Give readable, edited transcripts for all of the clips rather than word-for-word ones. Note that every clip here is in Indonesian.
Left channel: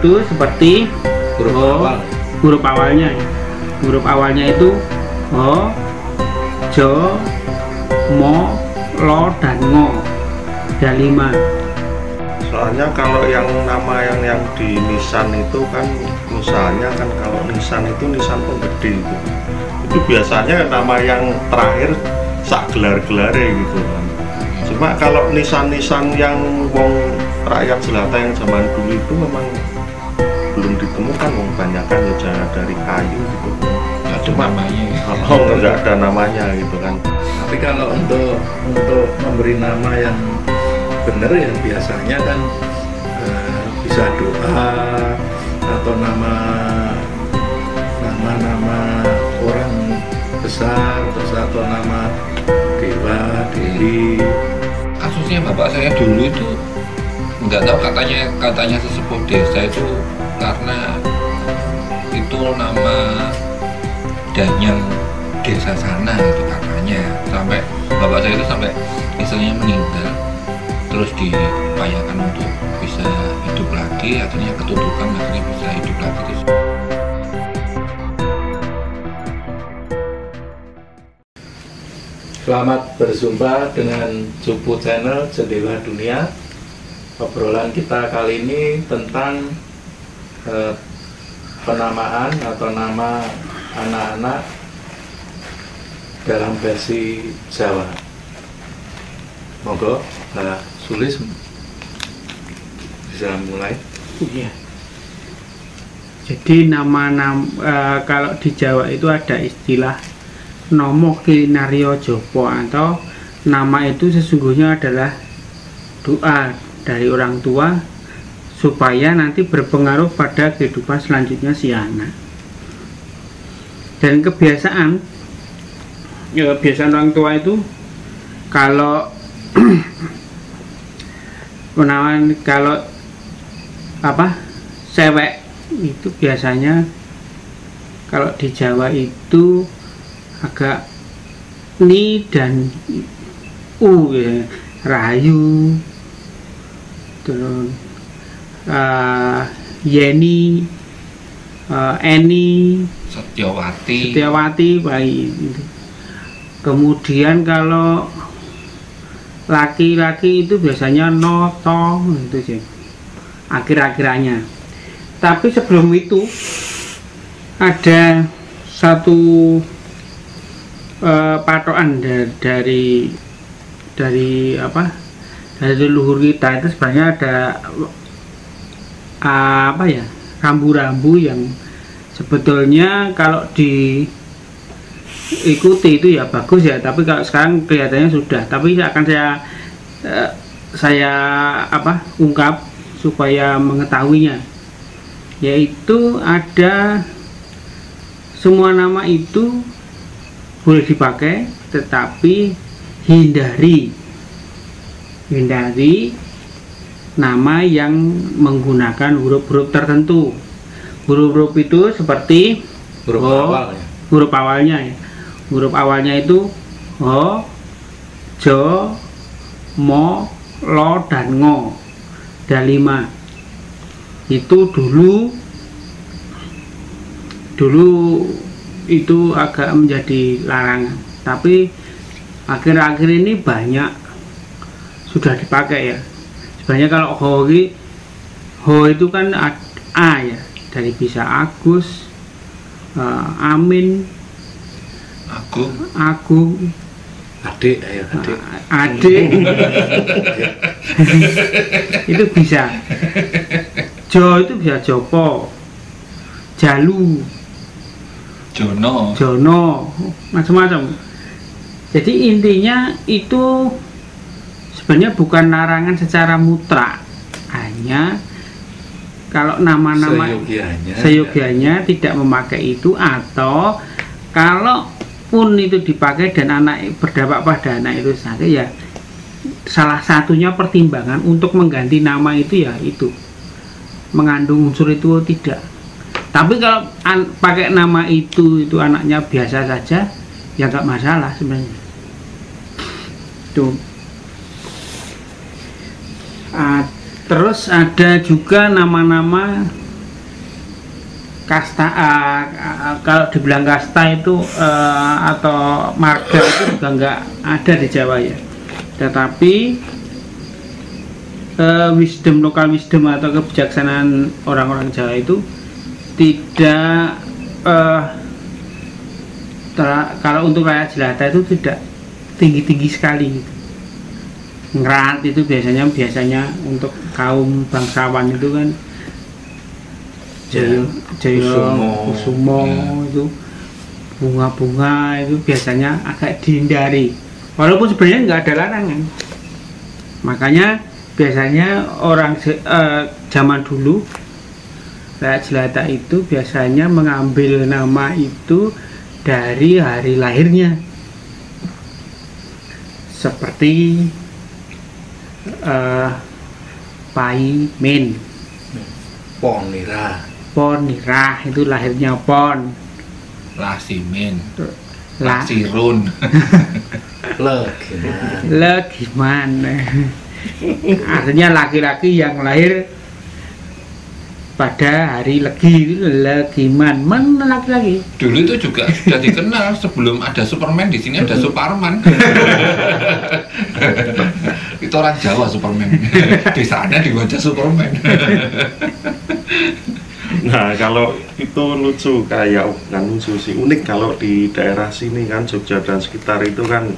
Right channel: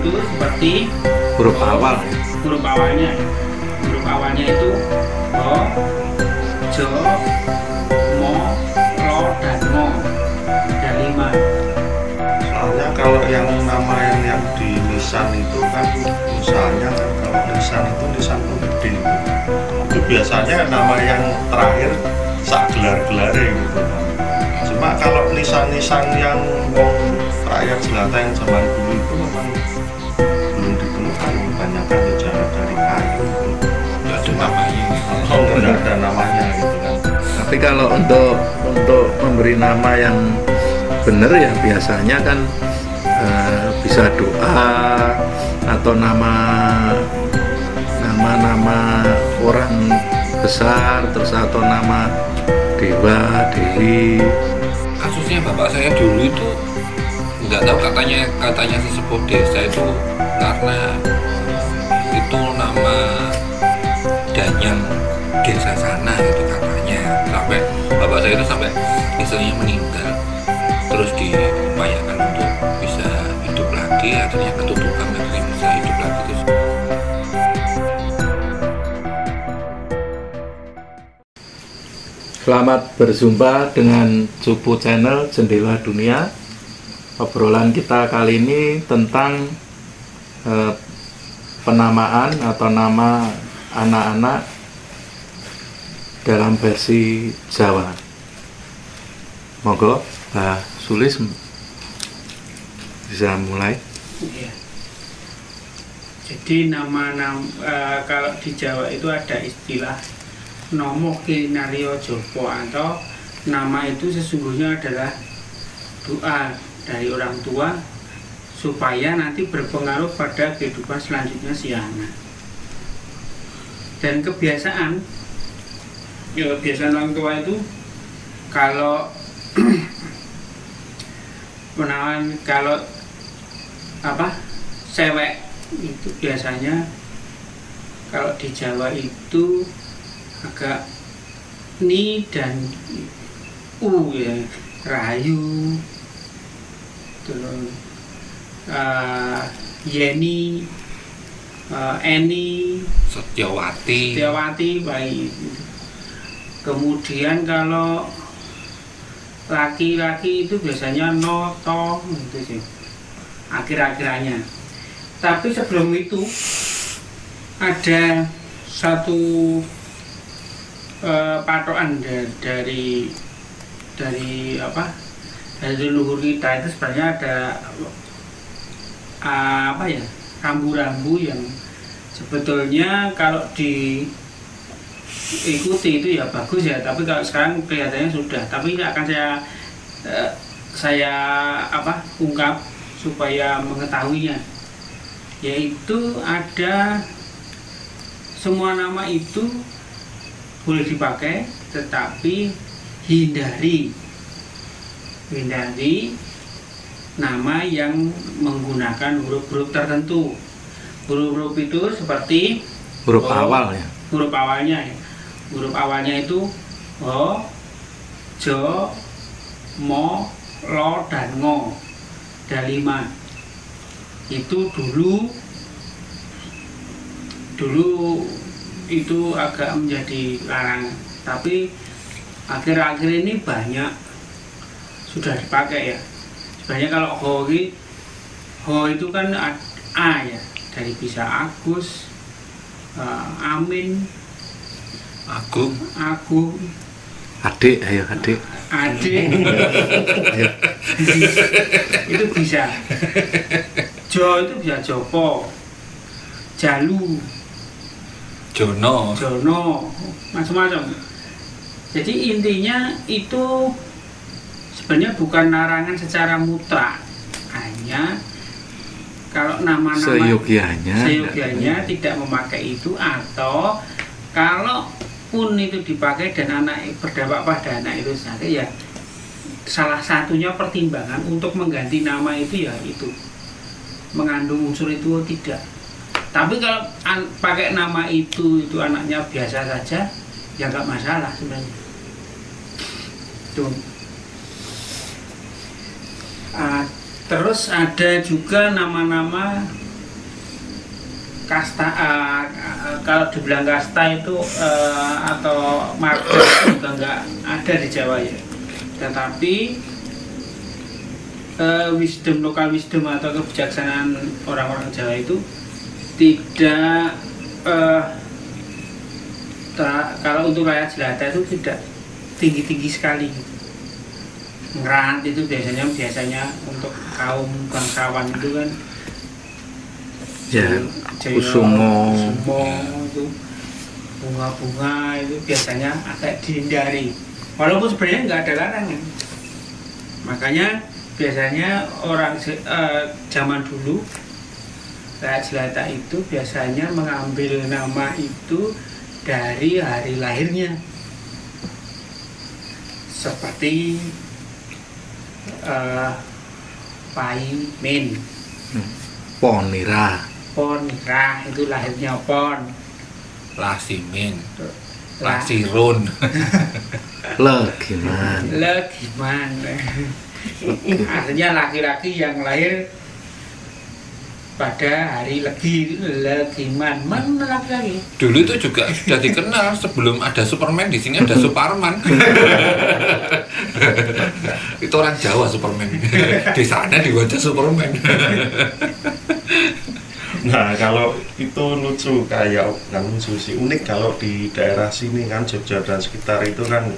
itu seperti huruf awalnya. Huruf awalnya itu ho, jo, mo, lo, dan ngo. Ada 5. Soalnya kalau yang nama yang di nisan itu kan misalnya kan kalau nisan itu nisan penggede itu biasanya nama yang terakhir sak gelar-gelar gitu. Cuma kalau nisan-nisan yang wong rakyat jelata yang zaman dulu itu memang belum ditemukan, kebanyakan bicara dari kayu. Nggak ada namanya. Nggak ada namanya gitu kan. Tapi kalau untuk memberi nama yang benar ya biasanya kan bisa doa atau nama orang besar, terus atau nama dewa, dewi. Kasusnya bapak saya dulu itu nggak tahu, katanya sesepuh desa itu karena itu nama danyang desa sana itu katanya, sampai bapak saya itu sampai misalnya meninggal terus diupayakan untuk bisa hidup lagi, akhirnya ketutupan, akhirnya bisa hidup lagi terus. Selamat berjumpa dengan Cupu Channel Jendela Dunia. Obrolan kita kali ini tentang penamaan atau nama anak-anak dalam versi Jawa. Monggo, Pak Sulis bisa mulai. Iya. Jadi kalau di Jawa itu ada istilah Nomo Kinaryo Jopo, atau nama itu sesungguhnya adalah doa dari orang tua supaya nanti berpengaruh pada kehidupan selanjutnya si anak. Dan kebiasaan orang tua itu kalau cewek itu biasanya kalau di Jawa itu agak ni dan u ya, Rahayu, terus Yeni, Eni, Setiawati, baik. Kemudian kalau laki-laki itu biasanya Noto, itu sih akhir-akhirannya. Tapi sebelum itu ada satu patokan dari leluhur kita itu sebenarnya ada rambu-rambu yang sebetulnya kalau diikuti itu ya bagus ya, tapi kalau sekarang kelihatannya sudah, tapi akan saya ungkap supaya mengetahuinya, yaitu ada semua nama itu boleh dipakai, tetapi hindari nama yang menggunakan huruf-huruf tertentu. Huruf-huruf itu seperti huruf awal ya. Huruf awalnya ya. Huruf awalnya itu ho, jo, mo, lo, dan ngo. Ada 5. Itu dulu itu agak menjadi larangan, tapi akhir-akhir ini banyak sudah dipakai ya. Sebenarnya kalau ho itu kan A ya, dari bisa Agus, Amin, Agung, adik. Itu bisa. Jo itu bisa Jopo, Jalu, Jono, macam-macam. Jadi intinya itu sebenarnya bukan larangan secara mutlak, hanya kalau nama-nama seyogianya tidak memakai itu, atau kalau pun itu dipakai dan anak berdampak pada anak itu saja, ya salah satunya pertimbangan untuk mengganti nama itu ya itu mengandung unsur itu tidak. Tapi kalau pakai nama itu anaknya biasa saja, ya nggak masalah sebenarnya. Tuh. Terus ada juga nama-nama kasta, kalau dibilang kasta itu atau marga itu juga nggak ada di Jawa ya. Tetapi lokal wisdom atau kebijaksanaan orang-orang Jawa itu tidak kalau untuk rakyat jelata itu tidak tinggi-tinggi sekali gitu. Ngerat itu biasanya untuk kaum bangsawan itu kan Jaya Kusumo itu bunga-bunga itu biasanya agak dihindari, walaupun sebenarnya nggak ada larangan. Makanya biasanya orang zaman dulu rakyat jelata itu biasanya mengambil nama itu dari hari lahirnya, seperti Paimin, Ponira itu lahirnya Pon, Lasimin, Lasirun, Legiman, artinya laki-laki yang lahir pada hari Legi, Legiman, mana laki-laki. Dulu itu juga sudah dikenal sebelum ada Superman, di sini ada Superman. Itu orang Jawa Superman. Di sana diwajah Superman. Nah, kalau itu lucu, kayak kan lucu sih, unik kalau di daerah sini kan Jogja dan sekitar itu kan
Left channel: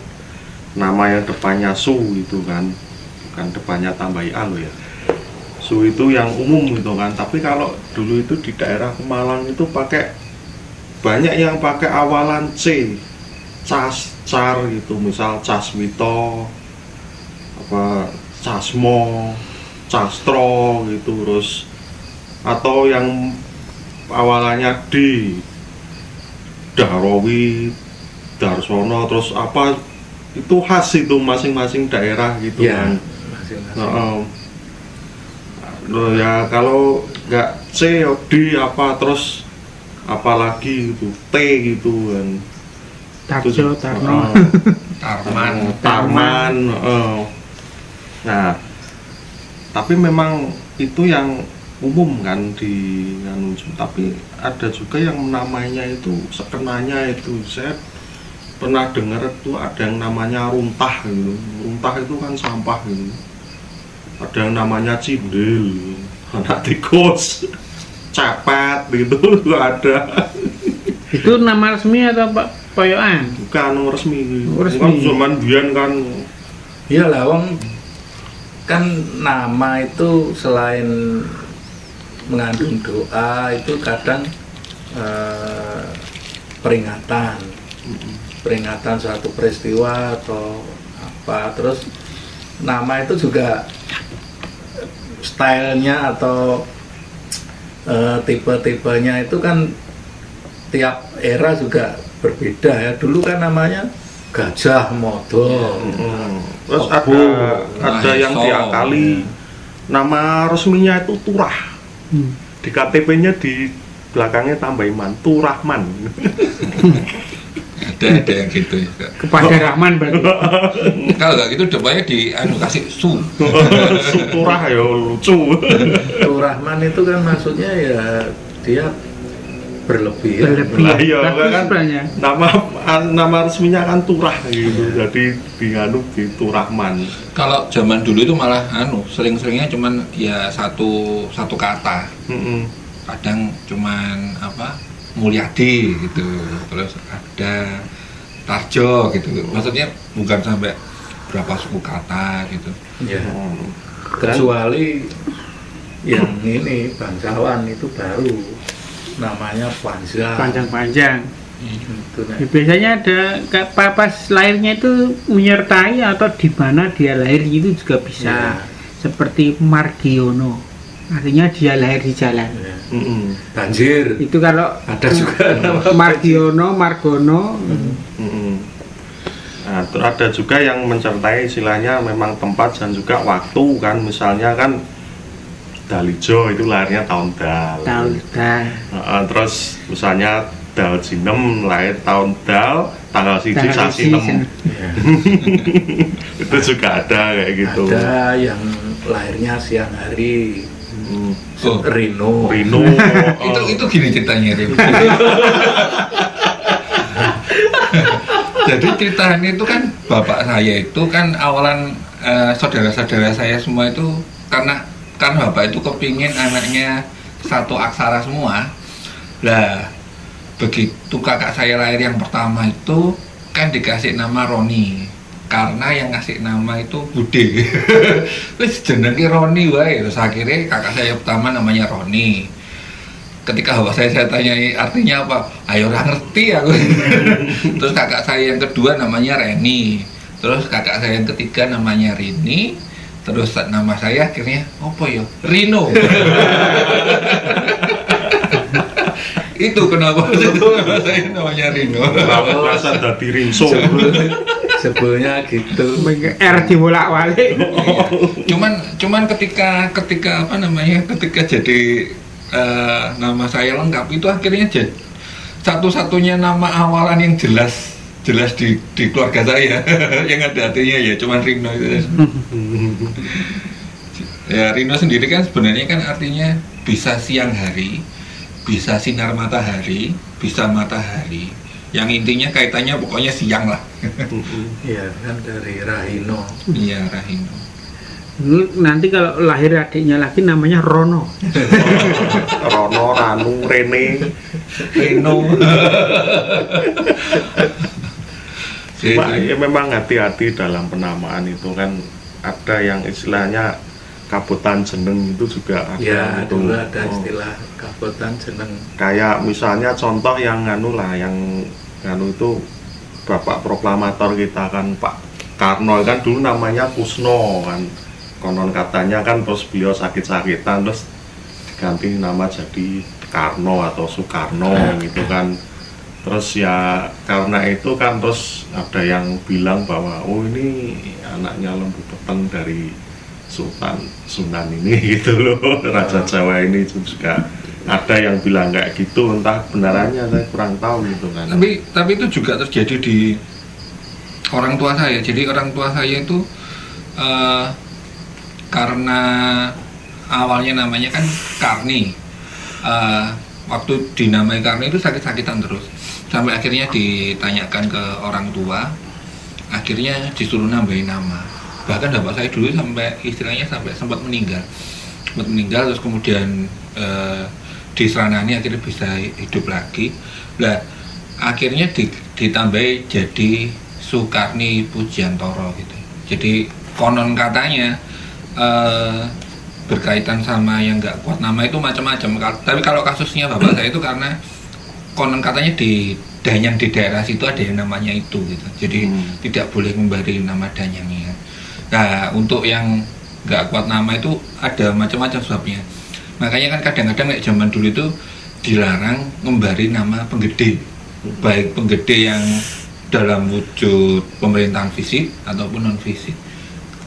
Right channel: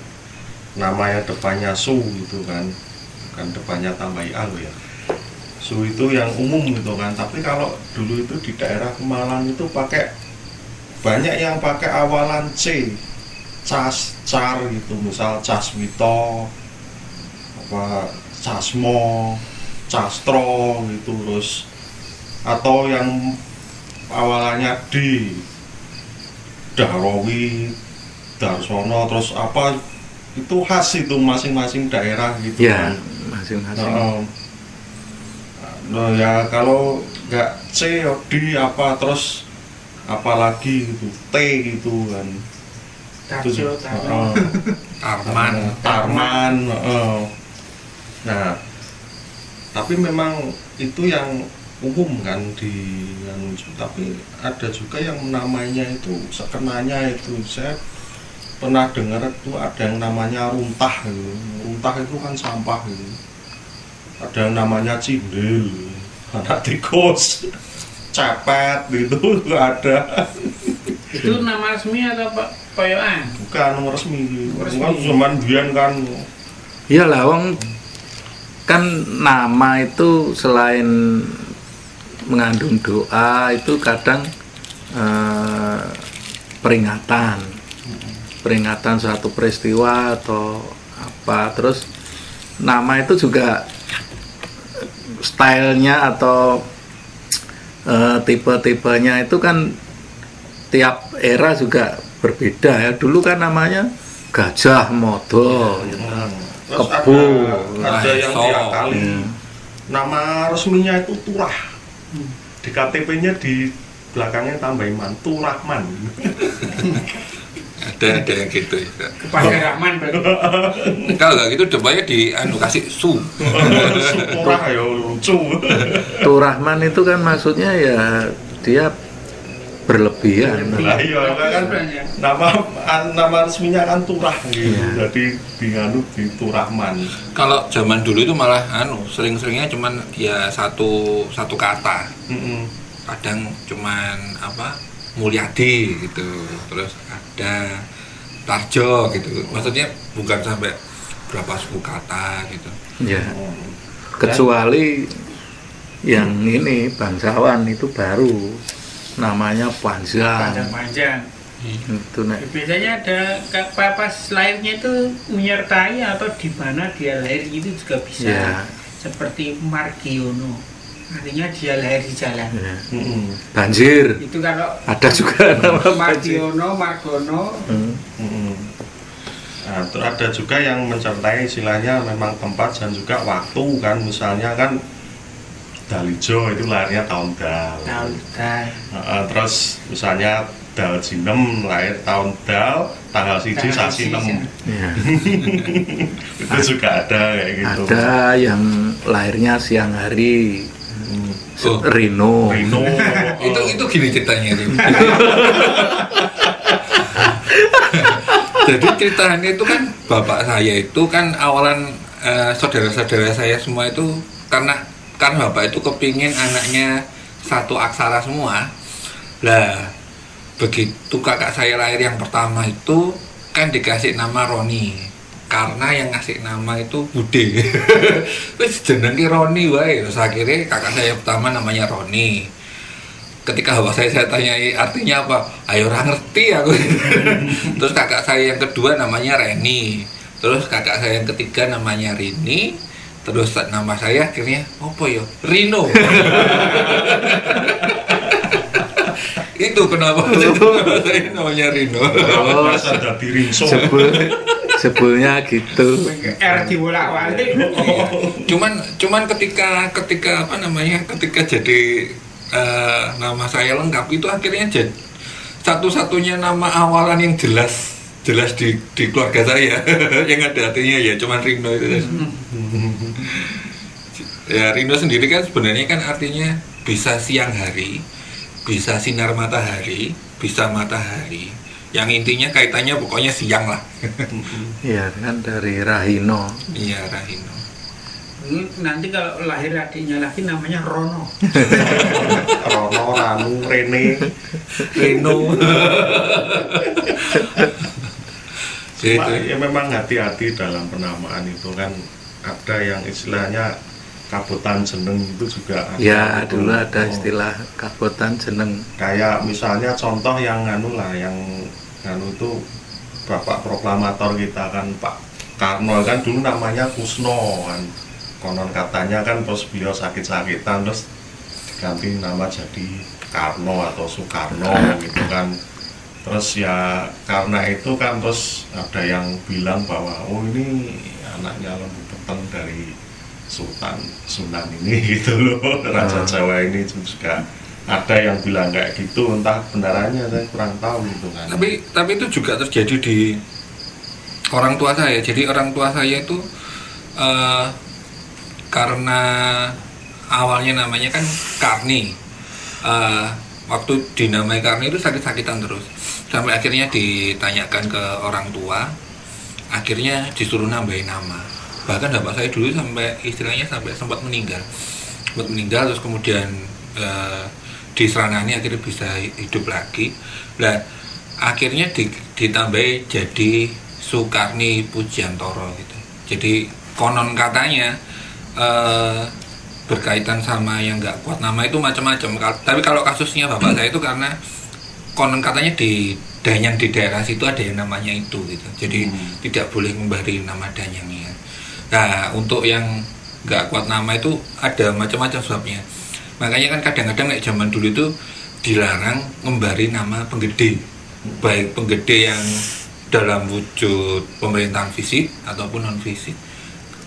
nama yang depannya Su gitu kan depannya tambah A loh ya. Su itu yang umum gitu kan, tapi kalau dulu itu di daerah Malang itu banyak yang pakai awalan C, Car gitu, misal Casmito, Casmo, Castro gitu, terus atau yang awalannya D, Darowi, Darsono, terus apa itu khas itu masing-masing daerah gitu ya, kan. Masing-masing. Loh ya, kalau nggak C ya D apa, terus apalagi gitu T gitu kan, Tarjo, Tarno, Tarman. Nah, tapi memang itu yang umum kan di tapi ada juga yang namanya itu sekenanya itu, saya pernah dengar itu ada yang namanya runtah gitu. Runtah itu kan sampah gitu. Ada yang namanya cindil, anak tikus, cepet gitu ada. Itu nama resmi atau poyokan? Bukan resmi. Kan zaman biyen kan. Iyalah, wong kan nama itu selain mengandung doa itu kadang peringatan suatu peristiwa atau apa, terus nama itu juga stylenya atau tipe-tipenya itu kan tiap era juga berbeda ya. Dulu kan namanya Gajah Mada, terus ada yang diakali nama resminya itu Turah, di KTP-nya di belakangnya tambah Iman, Turahman. ada yang gitu ya. Kepada Rahman berarti. Kalau nggak gitu depannya kasih Su. Turah ya lucu. Turahman itu kan maksudnya ya dia berlebihan. Iya kan nama resminya kan Turah gitu. Jadi dianut di Turahman. Kalau zaman dulu itu malah sering-seringnya cuman ya satu kata. Kadang cuman Mulyadi gitu, terus ada Tarjo gitu, maksudnya bukan sampai berapa suku kata gitu ya. Kecuali yang ini bangsawan itu baru namanya panjang. Itu, biasanya ada pas lahirnya itu menyertai atau di mana dia lahir itu juga bisa ya. Seperti Margiono, artinya dia lahir di jalan. Banjir. Itu kalau ada juga Margiono, Margono. Nah, ada juga yang mencertai istilahnya memang tempat dan juga waktu kan, misalnya kan Dalijo itu lahirnya tahun Dal. Terus misalnya Dal Jinem lahir tahun Dal, tanggal siji sasi nemu. Itu juga ada kayak gitu. Ada yang lahirnya siang hari. Rino. Itu gini ceritanya itu. Jadi ceritanya itu kan bapak saya itu kan awalan saudara-saudara saya semua itu karena bapak itu kepingin anaknya satu aksara semua. Lah begitu kakak saya lahir yang pertama itu kan dikasih nama Roni karena yang ngasih nama itu Bude. Terus jenenge Roni wae. Terus akhirnya kakak saya pertama namanya Roni. Ketika bapak saya tanyai artinya apa, ayo orang ngerti aku. Terus kakak saya yang kedua namanya Reni. Terus kakak saya yang ketiga namanya Rini. Terus nama saya akhirnya apa ya? Rino. Itu kenapa saya namanya Rino. Rasa dari Rinso. Sebelumnya gitu. R dibolak-balik. Cuman ketika apa namanya? Ketika jadi nama saya lengkap itu akhirnya jadi satu-satunya nama awalan yang jelas di keluarga saya yang ada artinya ya cuman Rino itu. Ya Rino sendiri kan sebenarnya kan artinya bisa siang hari, bisa sinar matahari, bisa matahari. Yang intinya kaitannya pokoknya siang lah. Iya kan dari Rahino. Iya Rahino. Nanti kalau lahir adiknya lagi namanya Rono. Rono, Ranu, Rene, Reno. Ya memang hati-hati dalam penamaan itu kan ada yang istilahnya kabotan jeneng itu juga ada. Ya dulu ada istilah kabotan jeneng. Kayak misalnya contoh yang yang itu bapak proklamator kita kan Pak Karno kan dulu namanya Kusno kan. Konon katanya kan terus beliau sakit-sakitan terus diganti nama jadi Karno atau Soekarno gitu kan. Terus ya karena itu kan terus ada yang bilang bahwa oh ini anaknya lembu peteng dari Sultan Sunan ini gitu loh. Raja Jawa ini juga ada yang bilang kayak gitu, entah benarannya saya kurang tahu gitu kan. Tapi itu juga terjadi di orang tua saya. Jadi orang tua saya itu karena awalnya namanya kan Karni, waktu dinamai Karni itu sakit-sakitan terus sampai akhirnya ditanyakan ke orang tua, akhirnya disuruh nambahin nama. Bahkan bapak saya dulu sampai istilahnya sampai sempat meninggal terus kemudian diseranani akhirnya bisa hidup lagi. Lah akhirnya ditambahi jadi Sukarni Pujiantoro gitu. Jadi konon katanya berkaitan sama yang nggak kuat nama itu macam-macam. Tapi kalau kasusnya bapak saya itu karena konon katanya di Danyang di daerah situ ada yang namanya itu gitu. Jadi tidak boleh memberi nama Danyangnya. Nah untuk yang nggak kuat nama itu ada macam-macam sebabnya. Makanya kan kadang-kadang kayak zaman dulu itu dilarang memberi nama penggede, baik penggede yang dalam wujud pemerintahan fisik ataupun non fisik.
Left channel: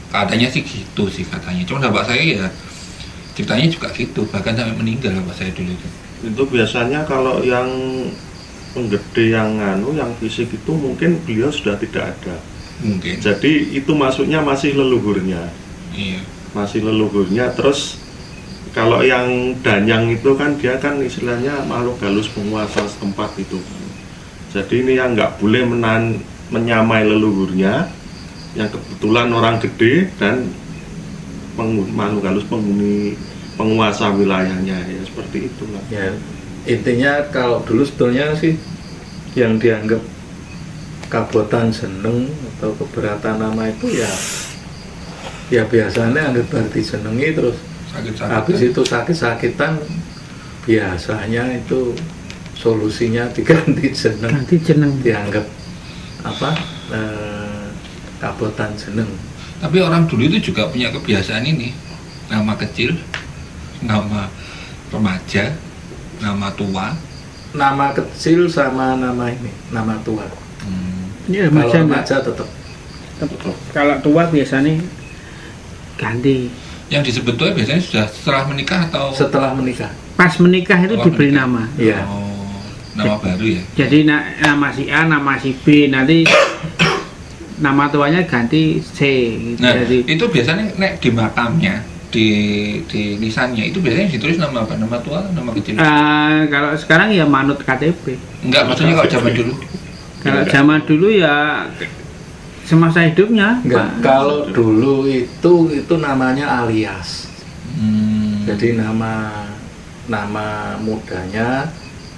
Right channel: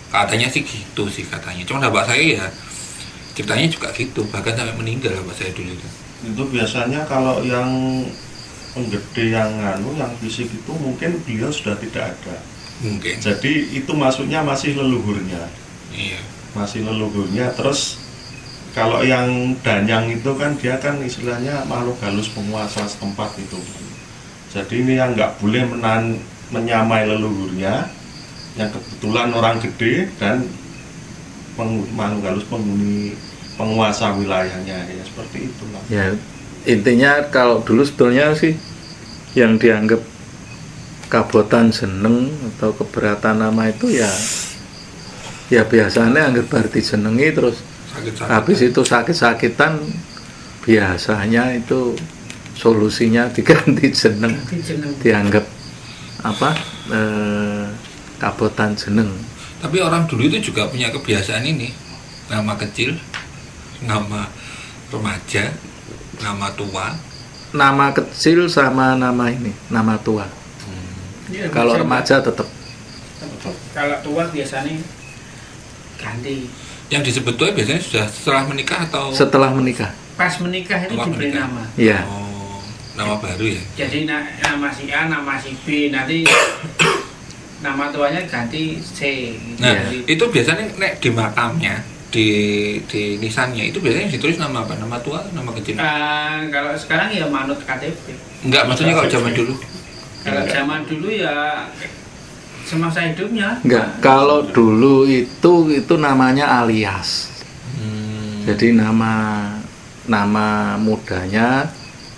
Katanya sih gitu sih katanya. Cuma bapak saya ya ceritanya juga gitu, bahkan sampai meninggal bapak saya dulu itu. Itu biasanya kalau yang penggede yang yang fisik itu mungkin beliau sudah tidak ada. Mungkin. Jadi itu masuknya masih leluhurnya. Iya. Masih leluhurnya. Terus kalau yang Danyang itu kan dia kan istilahnya makhluk halus penguasa setempat itu. Jadi ini yang nggak boleh menyamai leluhurnya, yang kebetulan orang gede dan makhluk halus penguasa wilayahnya ya seperti itulah. Ya intinya kalau dulu sebetulnya sih yang dianggap kabotan jeneng atau keberatan nama itu ya biasanya anggap berarti jenengi terus habis itu sakit-sakitan biasanya itu solusinya diganti jeneng. Dianggap apa kabotan jeneng. Tapi orang dulu itu juga punya kebiasaan ini, nama kecil, nama remaja, nama tua. Nama kecil sama nama ini, nama tua. Ya, kalau remaja tetap. Kalau tua biasanya ganti. Yang disebut tua biasanya sudah setelah menikah atau? Setelah menikah. Pas menikah itu diberi nama. Iya. Oh, nama baru ya. Jadi nama si A, nama si B, nanti nama tuanya ganti C. Nah, jadi, itu biasanya nek di di nisannya itu biasanya ditulis nama apa? Nama tua, nama kecil? Kalau sekarang ya manut KTP. Enggak, maksudnya kalau zaman dulu. Kalau zaman dulu ya semasa hidupnya. Enggak, kalau dulu itu namanya alias. Jadi nama mudanya,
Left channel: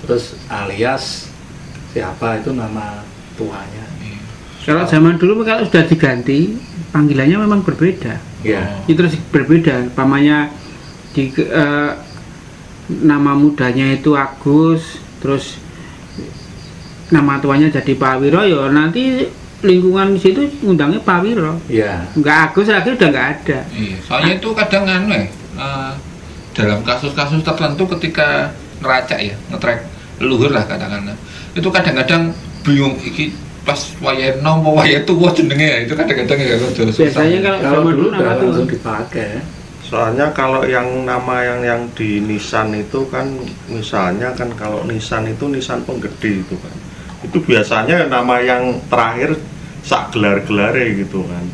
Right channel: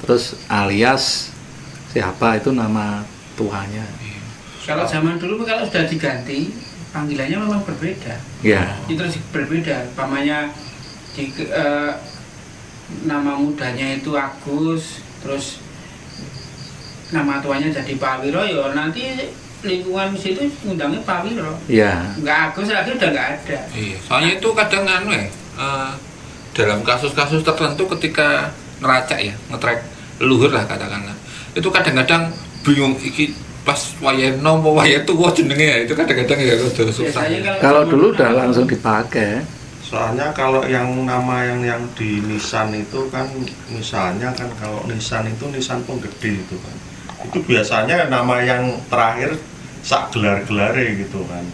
terus alias siapa itu nama tuanya. Kalau zaman dulu kalau sudah diganti panggilannya memang berbeda. Ya. Itu terus berbeda. Pamannya nama mudanya itu Agus, terus nama tuanya jadi Pak Wiro, ya nanti lingkungan situ ngundangnya Pak Wiro. Iya. Enggak Agus lagi udah nggak ada. Iya. Soalnya itu kadang dalam kasus-kasus tertentu ketika ngeracak ya, ngetrek leluhur lah katakanlah. Itu kadang-kadang bingung iki pas wayahe nopo wayahe tuwa jenenge ya. Itu kadang-kadang ya rada susah. Biasanya kalau dulu udah langsung dipakai. Soalnya kalau yang nama yang di nisan itu kan, misalnya kan kalau nisan itu nisan penggede itu kan. Itu biasanya nama yang terakhir sak gelar-gelare gitu kan.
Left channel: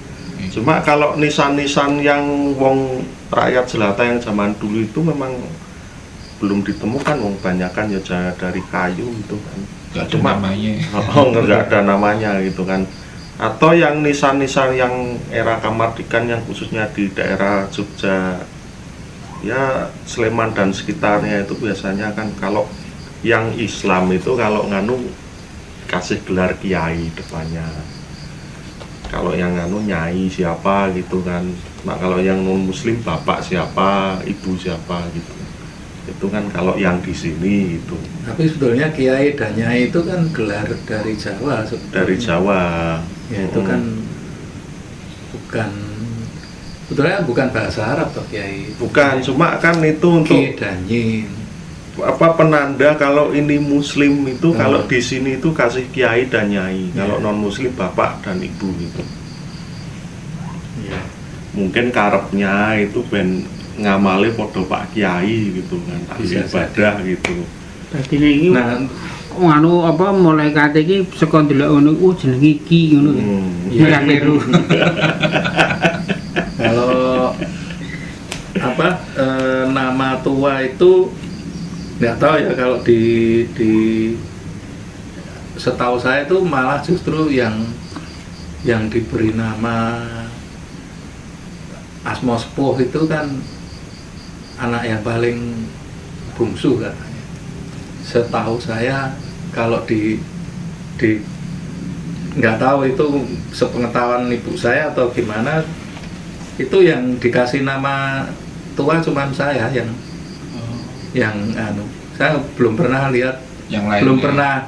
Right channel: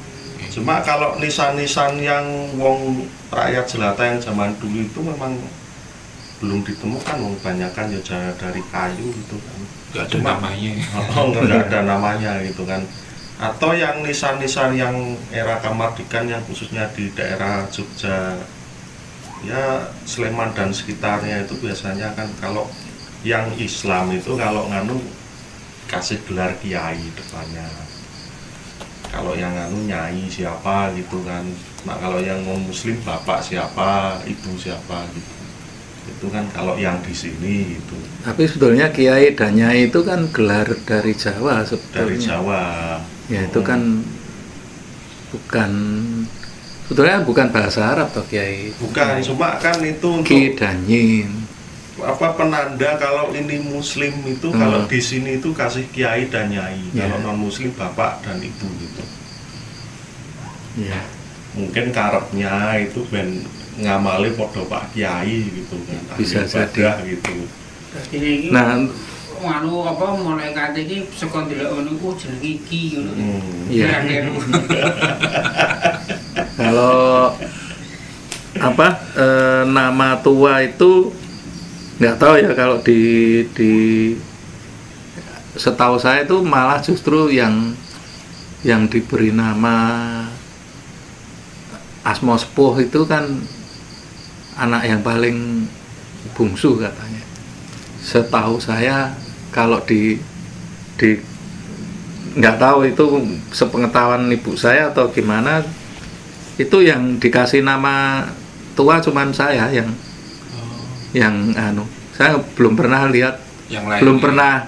Cuma kalau nisan-nisan yang wong rakyat jelata yang zaman dulu itu memang belum ditemukan, kebanyakan ya dari kayu gitu kan. Gak ada namanya. Nggak ada namanya gitu kan. Atau yang nisan-nisan yang era Kamardikan yang khususnya di daerah Jogja, ya Sleman dan sekitarnya itu biasanya kan kalau yang Islam itu kalau nganu kasih gelar kiai depannya. Kalau yang nganu nyai siapa gitu kan. Nah kalau yang non muslim bapak siapa, ibu siapa gitu. Itu kan kalau yang di sini itu. Tapi sebetulnya kiai dan nyai itu kan gelar dari Jawa sebetulnya. Dari Jawa. Ya itu kan sebetulnya bukan bahasa Arab toh kiai. Bukan, cuma kan itu untuk Ki dan Nyin. Apa penanda kalau ini muslim itu kalau di sini itu kasih kiai dan nyai. Kalau non muslim bapak dan ibu gitu. Ya. Mungkin karepnya itu ben ngamali podo Pak Kiai gitu kan. Bisa ibadah gitu. Dadi iki anu apa mulai kate iki saka ndelok ngono jenenge iki ngono. Iya kleru. Kalau nama tua itu nggak tahu ya, kalau di setahu saya itu malah justru yang diberi nama Asma Sepuh itu kan anak yang paling bungsu katanya. Setahu saya kalau di nggak tahu itu sepengetahuan ibu saya atau gimana, itu yang dikasih nama tua cuman saya yang saya belum pernah lihat, yang lain belum pernah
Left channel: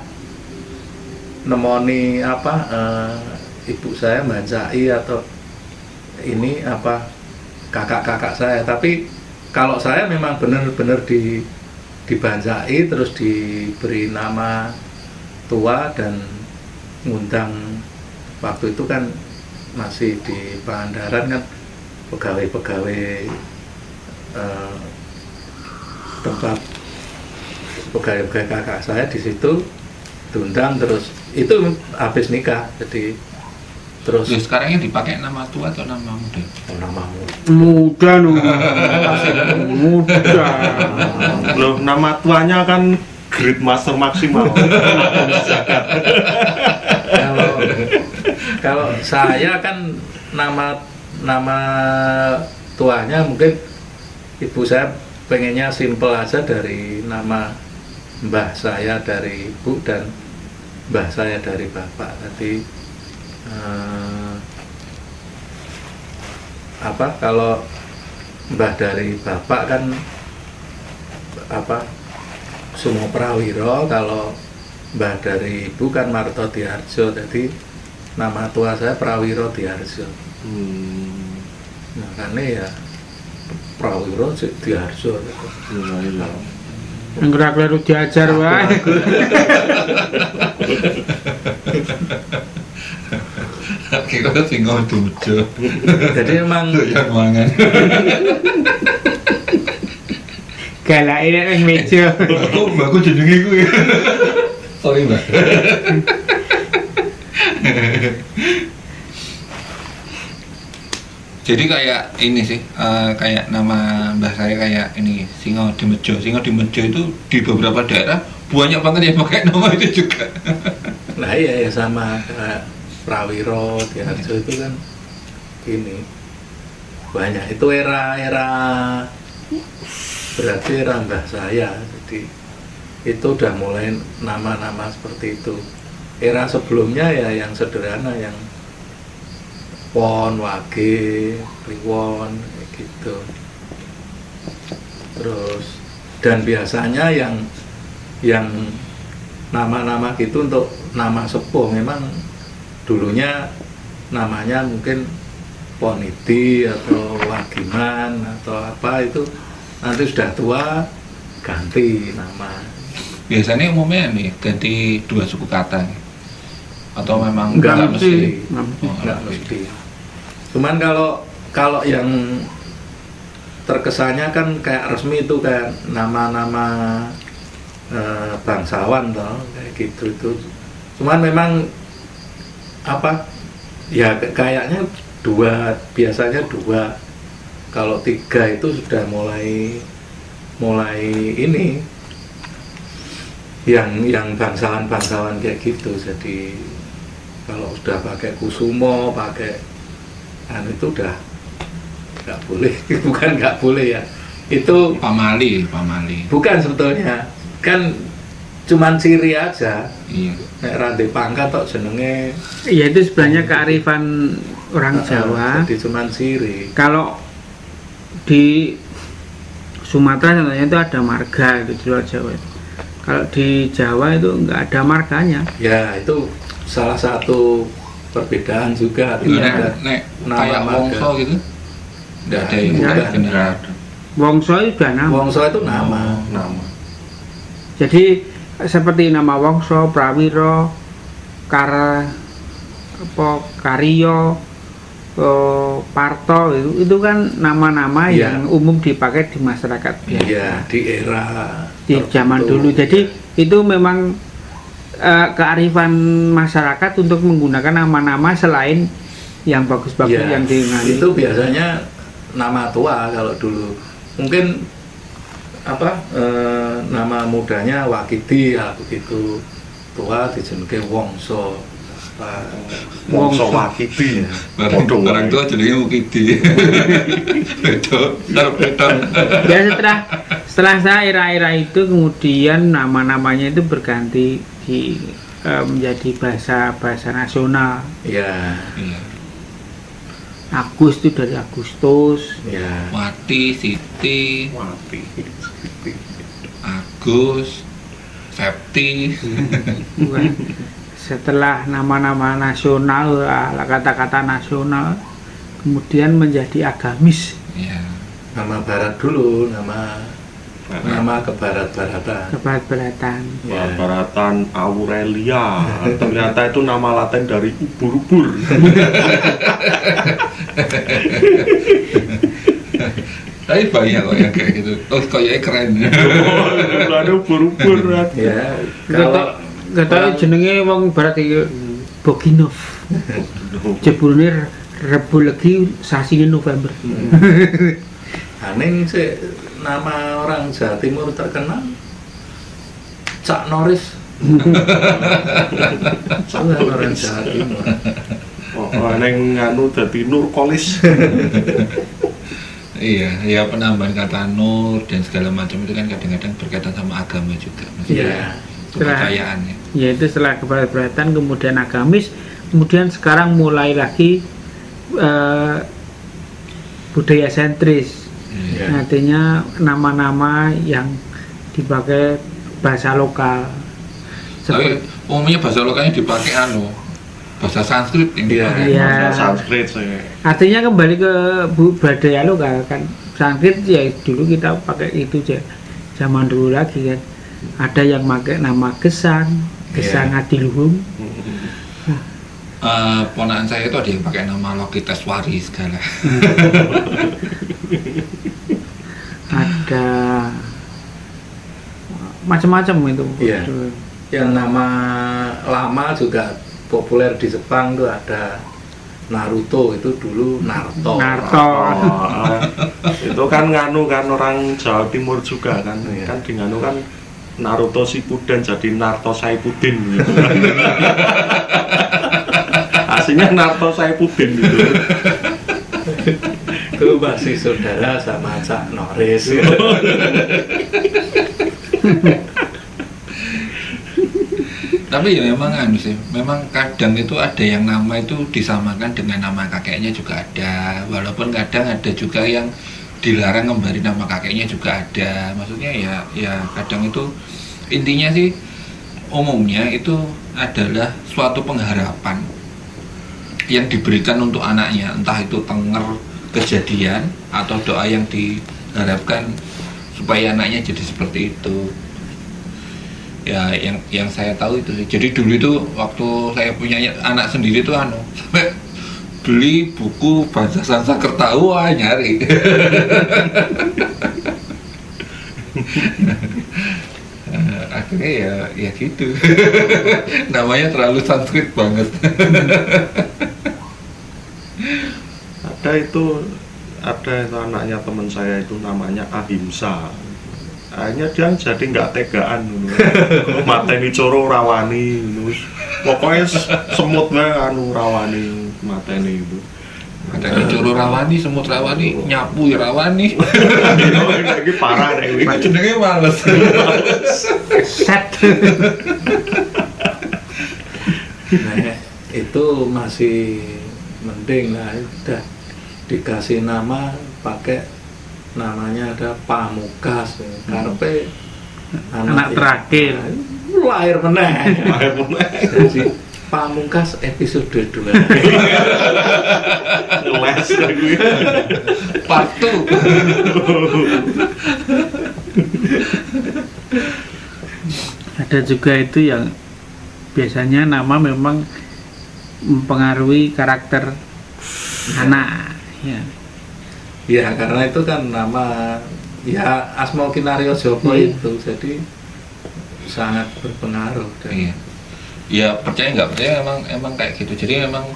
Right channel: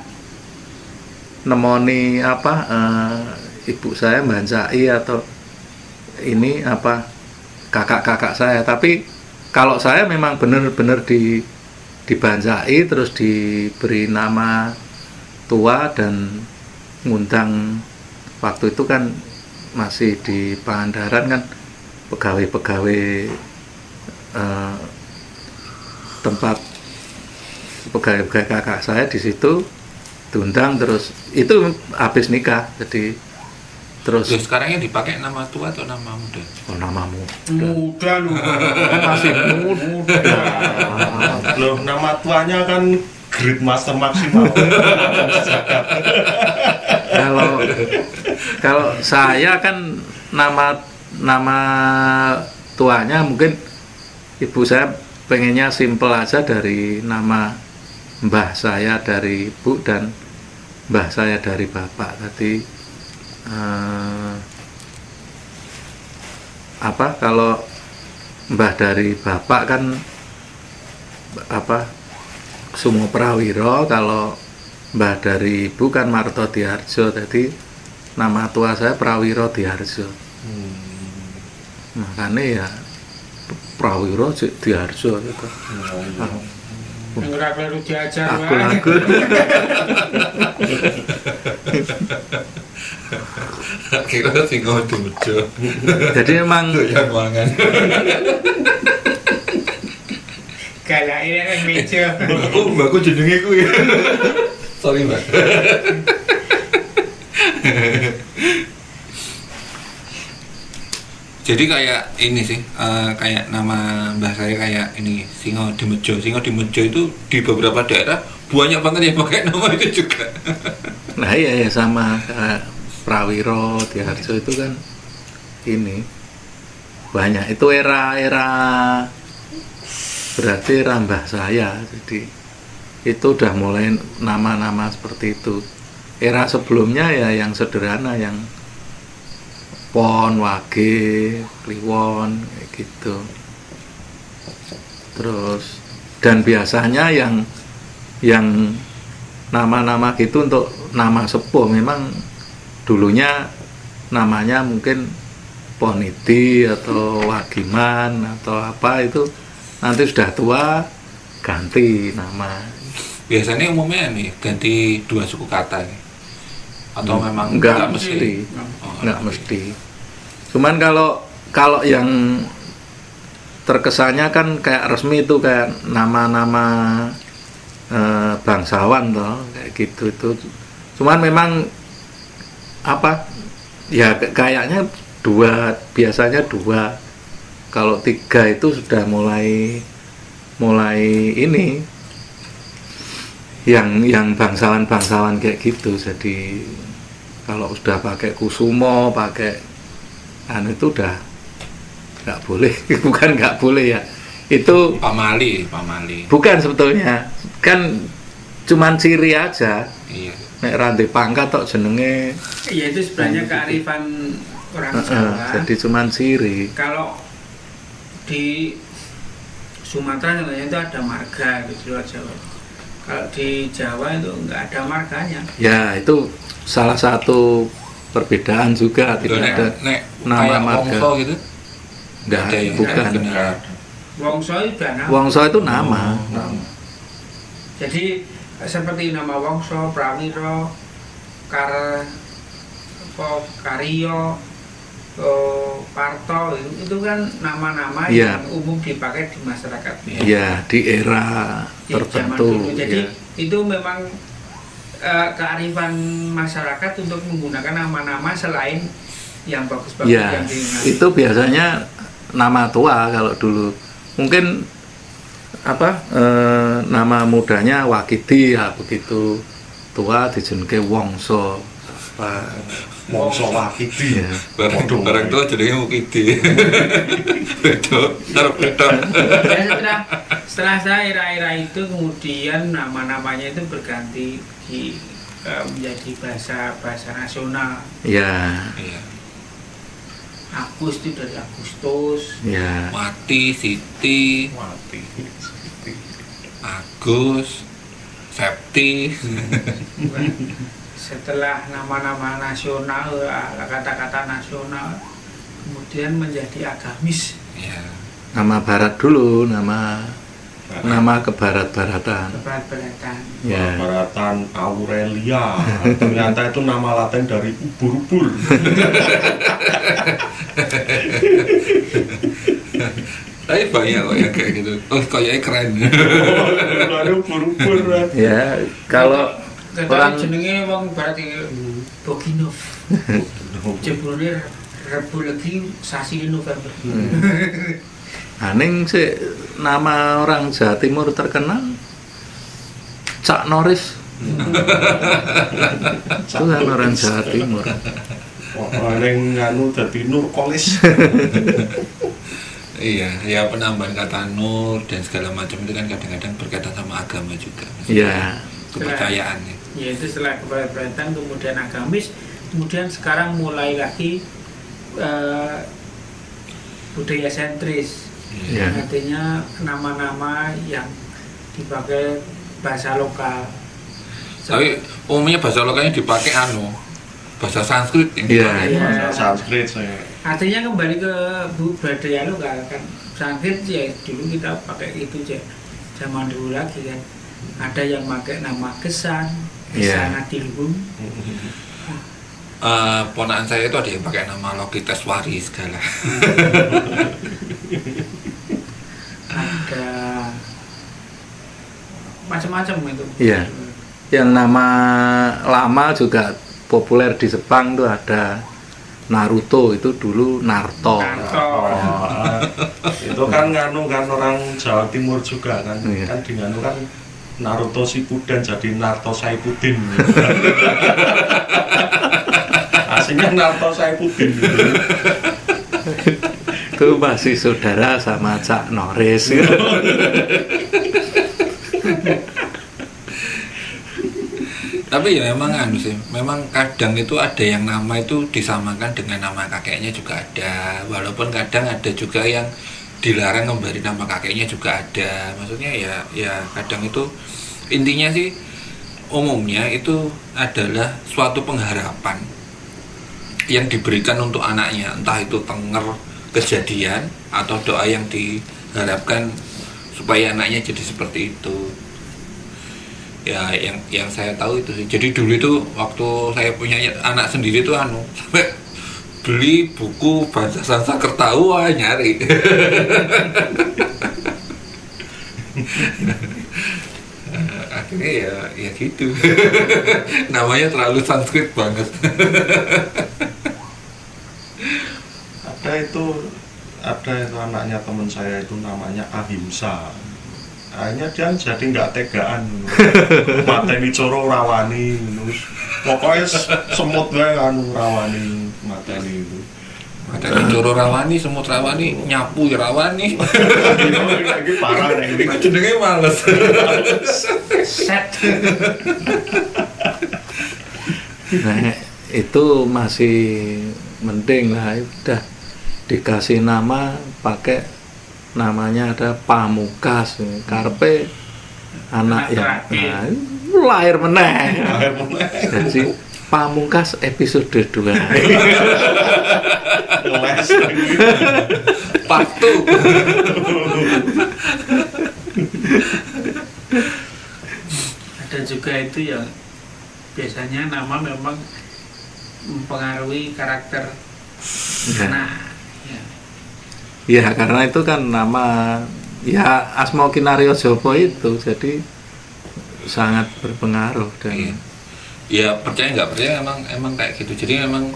nemoni ibu saya bancai atau ini kakak-kakak saya. Tapi kalau saya memang benar-benar dibancai terus diberi nama tua dan ngundang. Waktu itu kan masih di Pangandaran kan, pegawai-pegawai tempat pegawai kakak saya di situ diundang, terus itu habis nikah. Jadi terus sekarang yang dipakai nama tua atau nama muda? Oh, nama Muda no. Masih muda. Loh, nama tuanya kan Great Master maksimal. Kalau saya kan nama tuanya mungkin ibu saya pengennya simple aja, dari nama mbah saya dari ibu dan mbah saya dari bapak. Tadi kalau mbah dari bapak kan Sumo Prawiro, kalau mbah dari ibu kan Marto Diharjo. Jadi nama tua saya Prawiro Diharjo. Makanya ya Prawiro Diharjo gitu. Enggak kleru diajar wae. Kira sing ngododo. Jadi emang yang mangan. Galake nek meja. Mbakku jenenge kuwi. Sorry, Mbak. Jadi kayak ini sih, kayak nama mbah saya kayak ini Singo Dimejo. Singo Dimejo itu di beberapa daerah banyak banget yang pakai nama itu juga. Nah iya sama kayak Prawiro, Diharjo itu kan ini banyak. Itu era berarti era mbah saya. Jadi itu udah mulai nama-nama seperti itu. Era sebelumnya ya yang sederhana, yang Pon, Wage, Kliwon, kayak gitu. Terus dan biasanya yang nama-nama gitu untuk nama sepuh memang dulunya namanya mungkin Poniti atau Wagiman atau apa, itu nanti sudah tua ganti nama. Biasanya umumnya nih ganti 2 suku kata nih. Atau memang enggak mesti. Enggak mesti. Cuman kalau yang terkesannya kan kayak resmi itu kayak nama-nama bangsawan toh, kayak gitu itu. Cuman memang apa ya kayaknya 2, biasanya 2. Kalau 3 itu sudah mulai ini yang bangsawan kayak gitu. Jadi kalau sudah pakai Kusumo, pakai itu udah nggak boleh. Bukan nggak boleh ya, itu pamali bukan sebetulnya, kan cuman ciri aja. Iya. Nek rantai pangkat tok jenenge. Iya, itu sebenarnya kearifan orang Jawa. Jadi cuman ciri. Kalau di Sumatera contohnya itu ada marga itu di luar Jawa. Kalau di Jawa itu nggak ada marganya. Ya itu salah satu perbedaan juga. Nek kayak Wongso gitu nggak ada yang benar. Wongso itu sudah nama. Wongso itu nama. Jadi seperti nama Wongso, Prawiro, Karyo, Parto, itu kan nama-nama yang umum dipakai di masyarakat. Iya, di era di zaman dulu. Jadi itu memang kearifan masyarakat untuk menggunakan nama-nama selain yang bagus-bagus yang diingat. Itu biasanya nama tua kalau dulu. Mungkin nama mudanya Wakidi ya begitu. Tua dijenenge Wongso. Wongso Wakidi ya. Barang tua jenenge Wakidi. Betul. Ya, setelah saya era-era itu kemudian nama-namanya itu berganti menjadi bahasa nasional. Iya. Agus itu dari Agustus. Iya. Wati, Siti, Agus, Septi. Setelah nama-nama nasional, kata-kata nasional, kemudian menjadi agamis. Iya. Nama barat dulu, nama kebarat-baratan. Kebarat-baratan. Kebarat-baratan Aurelia. Ternyata itu nama Latin dari ubur-ubur. Tapi banyak kok yang kayak gitu. Oh, kayaknya keren. Ada ubur-ubur. Ya, kalau kata jenenge wong barat iki Boginov. Jebulane Rebu Legi sasi November. Aneh sih nama orang Jawa Timur terkenal Cak Norris. Nama orang Jawa Timur. Neng anu dadi Nurkolis. Iya, ya penambahan kata nur dan segala macam itu kan kadang-kadang berkaitan sama agama juga. Iya. Kepercayaan ya. Ya itu setelah kebarat-baratan kemudian agamis, kemudian sekarang mulai lagi budaya sentris. Ya. Artinya nama-nama yang dipakai bahasa lokal. Tapi umumnya bahasa lokalnya dipakai bahasa Sanskrit ini. Iya. Sanskrit saya. Artinya kembali ke budaya lokal kan. Sanskrit ya dulu kita pakai itu aja. Zaman dulu lagi kan. Ada yang pakai nama Gesang Adiluhung. Ponakan saya itu ada yang pakai nama Lokiteswari segala. Ada macam-macam itu. Iya. Yang nama lama juga populer di Jepang tuh ada Naruto itu dulu Narto. Itu kan nganu kan orang Jawa Timur juga kan. Kan di nganu kan Naruto Shippuden jadi Narto Saipudin gitu. Aslinya Narto Saipudin gitu. Itu masih saudara sama Cak Norris. Tapi ya memang memang kadang itu ada yang nama itu disamakan dengan nama kakeknya juga ada, walaupun kadang ada juga yang dilarang ngembari nama kakeknya juga ada. Maksudnya ya kadang itu intinya sih umumnya itu adalah suatu pengharapan yang diberikan untuk anaknya, entah itu tenger kejadian atau doa yang diharapkan supaya anaknya jadi seperti itu. Ya yang saya tahu itu sih. Jadi dulu itu waktu saya punya anak sendiri tuh sampai beli buku bahasa Sanskerta nyari. Akhirnya ya gitu. Namanya terlalu Sanskrit banget. Ada itu anaknya teman saya itu namanya Ahimsa. Akhirnya dia jadi nggak tegaan, mateni coro rawani, pokoknya semut anu rawani, mateni itu. Mateni coro rawani, semut rawani, nyapu rawani. Ini parah nih. Jenenge males. Set. Nah, itu masih mending lah, udah dikasih nama pakai namanya ada Pamukas, karpe anak terakhir lahir meneh. Jadi Pamungkas episode 2. Les part 2. Ada juga itu yang biasanya nama memang mempengaruhi karakter anak ya. Ya karena itu kan nama ya Asma Kinario Joko itu jadi sangat berpengaruh dan ya percaya nggak percaya emang kayak gitu. Jadi memang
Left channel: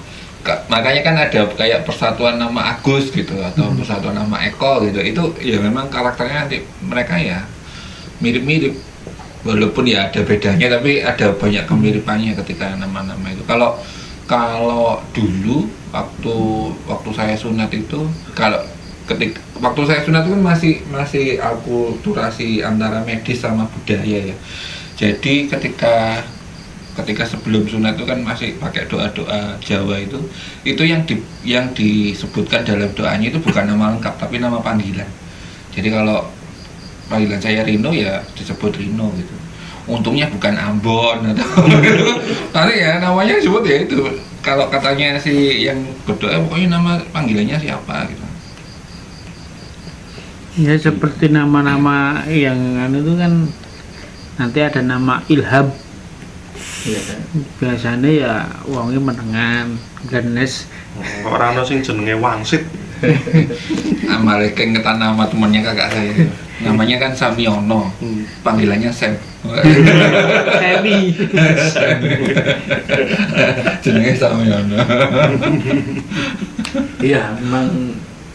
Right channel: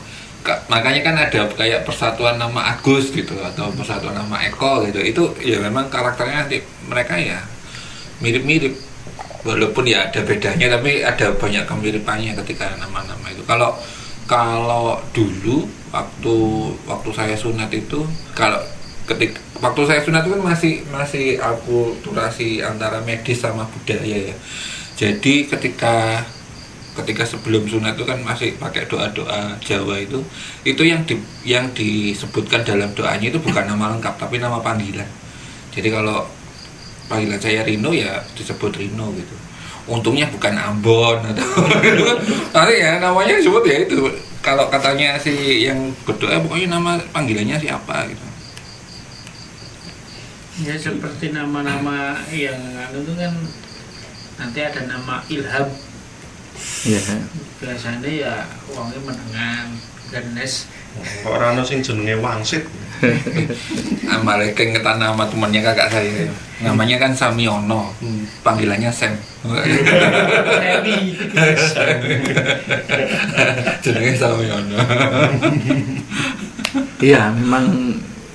makanya kan ada kayak persatuan nama Agus gitu atau persatuan nama Eko gitu. Itu ya memang karakternya nanti mereka ya mirip-mirip walaupun ya ada bedanya tapi ada banyak kemiripannya ketika nama-nama itu. Kalau dulu waktu saya sunat itu waktu saya sunat itu kan masih akulturasi antara medis sama budaya ya. Jadi ketika sebelum sunat itu kan masih pakai doa-doa Jawa itu yang disebutkan dalam doanya itu bukan nama lengkap tapi nama panggilan. Jadi kalau panggilan saya Rino ya disebut Rino gitu. Untungnya bukan Ambon atau gitu. Nanti ya namanya disebut ya itu. Kalau katanya si yang berdoa pokoknya nama panggilannya siapa gitu. Ya seperti nama-nama yang itu kan nanti ada nama Ilham. Ya. Biasanya ya wongnya menengan, genes. Orang sing jenenge Wangsit. Amale kengetan nama temannya kakak saya. Namanya kan Samiono. Panggilannya Sam. Semi. Jenenge Samiono. Iya, memang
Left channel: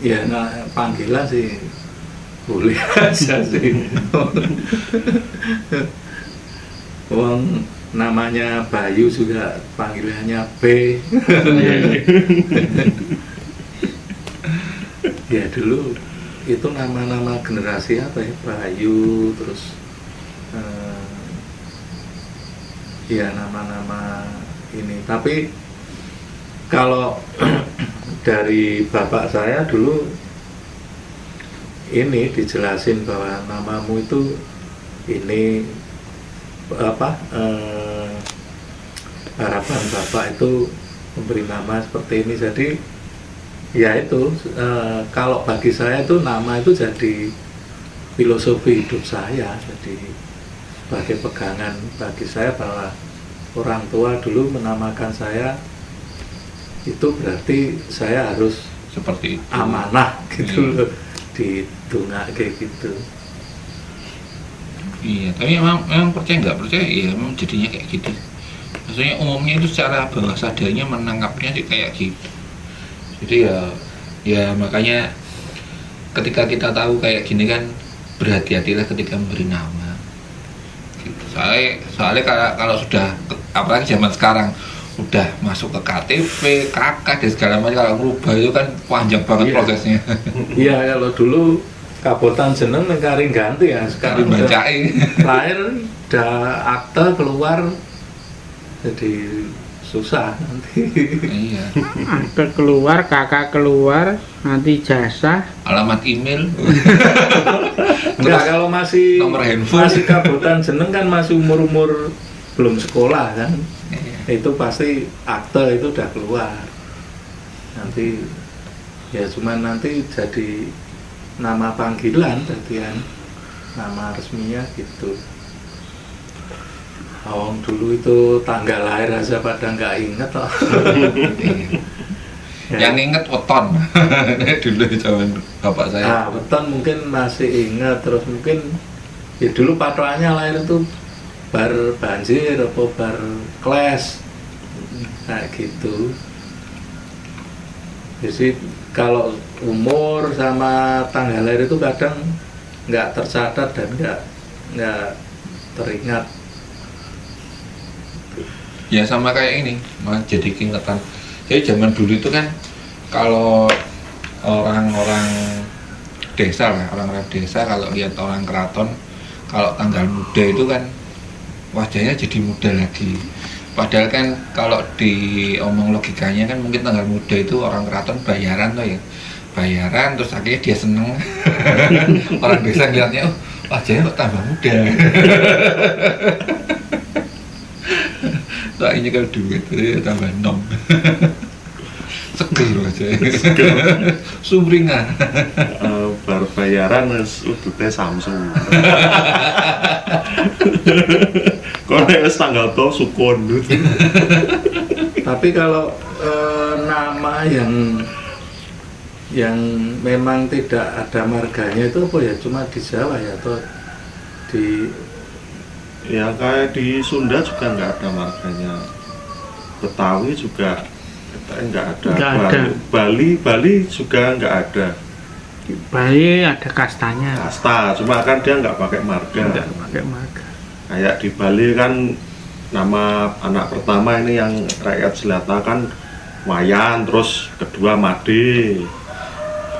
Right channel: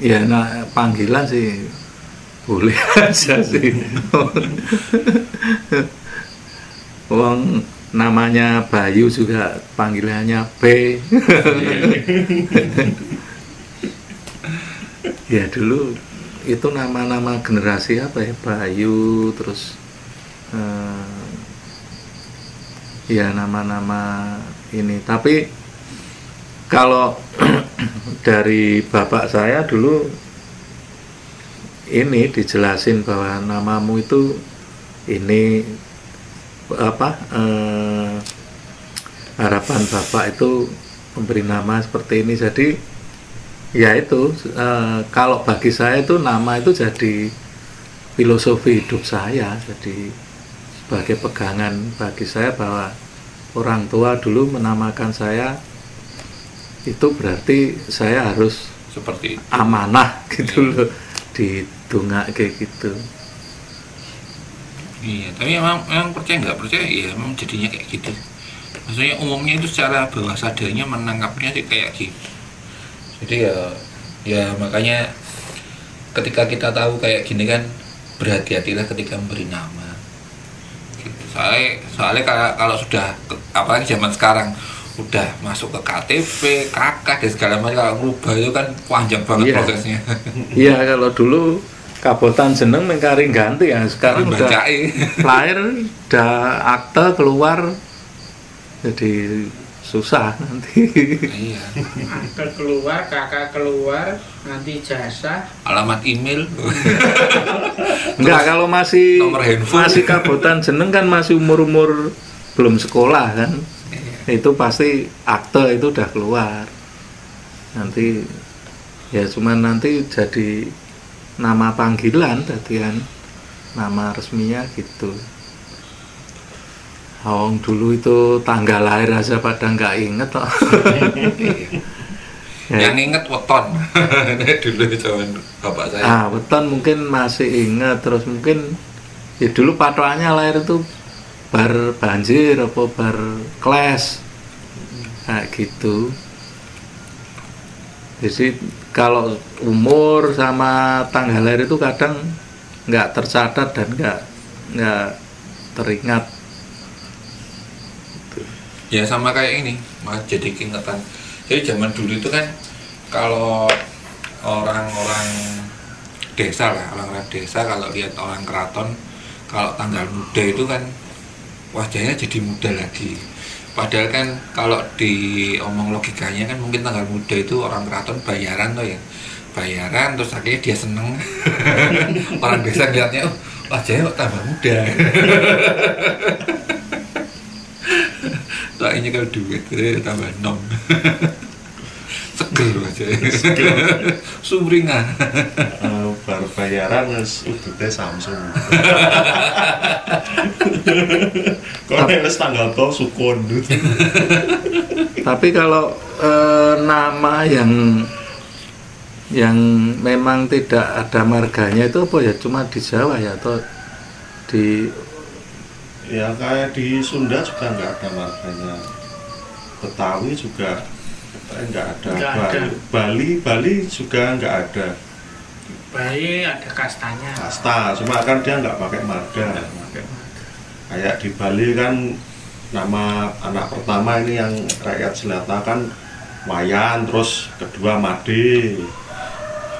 ya panggilan sih boleh aja sih. Wong namanya Bayu juga panggilannya B. Ya dulu itu nama-nama generasi apa ya, Bayu terus ya nama-nama ini. Tapi kalau dari bapak saya dulu ini dijelasin bahwa namamu itu ini apa harapan bapak itu memberi nama seperti ini. Jadi ya itu kalau bagi saya itu nama itu jadi filosofi hidup saya, jadi sebagai pegangan bagi saya bahwa orang tua dulu menamakan saya itu berarti saya harus seperti itu, amanah gitu loh, ditungak kayak gitu. Iya, tapi memang percaya nggak percaya ya memang jadinya kayak gitu. Maksudnya umumnya itu secara bawah sadarnya menangkapnya sih kayak gitu. Jadi ya makanya ketika kita tahu kayak gini kan, berhati-hatilah ketika memberi nama gitu. Soalnya kalau sudah apalagi zaman sekarang udah masuk ke KTP, KK dan segala macam, kalau merubah itu kan panjang banget prosesnya. Iya, kalau dulu kabotan jeneng mengkari ganti ya, sekarang udah lahir udah akte keluar, jadi susah nanti. Iya. Akte keluar, kakak keluar, nanti jasa, alamat email. Enggak, kalau masih nomor handphone, masih kabotan jeneng kan masih umur belum sekolah kan. Iya. Itu pasti akte itu udah keluar. Nanti ya cuman nanti jadi nama panggilan tadi kan, nama resminya gitu. Dulu itu tanggal lahir aja pada nggak inget toh. Yang inget weton. Dulu zaman bapak saya. Weton mungkin masih inget, terus mungkin ya dulu patokannya lahir itu bar banjir apa bar kles kayak gitu. Jadi kalau umur sama tanggal lahir itu kadang nggak tercatat dan nggak teringat. Ya sama kayak ini, malah jadi keingetan. Jadi zaman dulu itu kan kalau orang-orang desa lah, orang-orang desa kalau lihat orang keraton, kalau tanggal muda itu kan wajahnya jadi muda lagi. Padahal kan kalau diomong logikanya kan mungkin tanggal muda itu orang keraton bayaran tuh ya, bayaran terus akhirnya dia seneng. Orang desa lihatnya, oh wajahnya kok tambah muda. Soalnya kalau duit itu tambah nom. Seger aja. Sumringan. Baru bayaran udutnya Samsung. Kok nek wis tanggal to sukun. Tapi kalau nama yang memang tidak ada marganya itu apa ya, cuma di Jawa ya atau di ya kayak di Sunda juga nggak ada marganya, Betawi juga nggak ada. Bali juga nggak ada. Bali ada kastanya. Kasta, cuma kan dia nggak pakai marga. Nggak pakai marga. Kayak di Bali kan nama anak pertama ini yang rakyat jelata kan Wayan, terus kedua Made,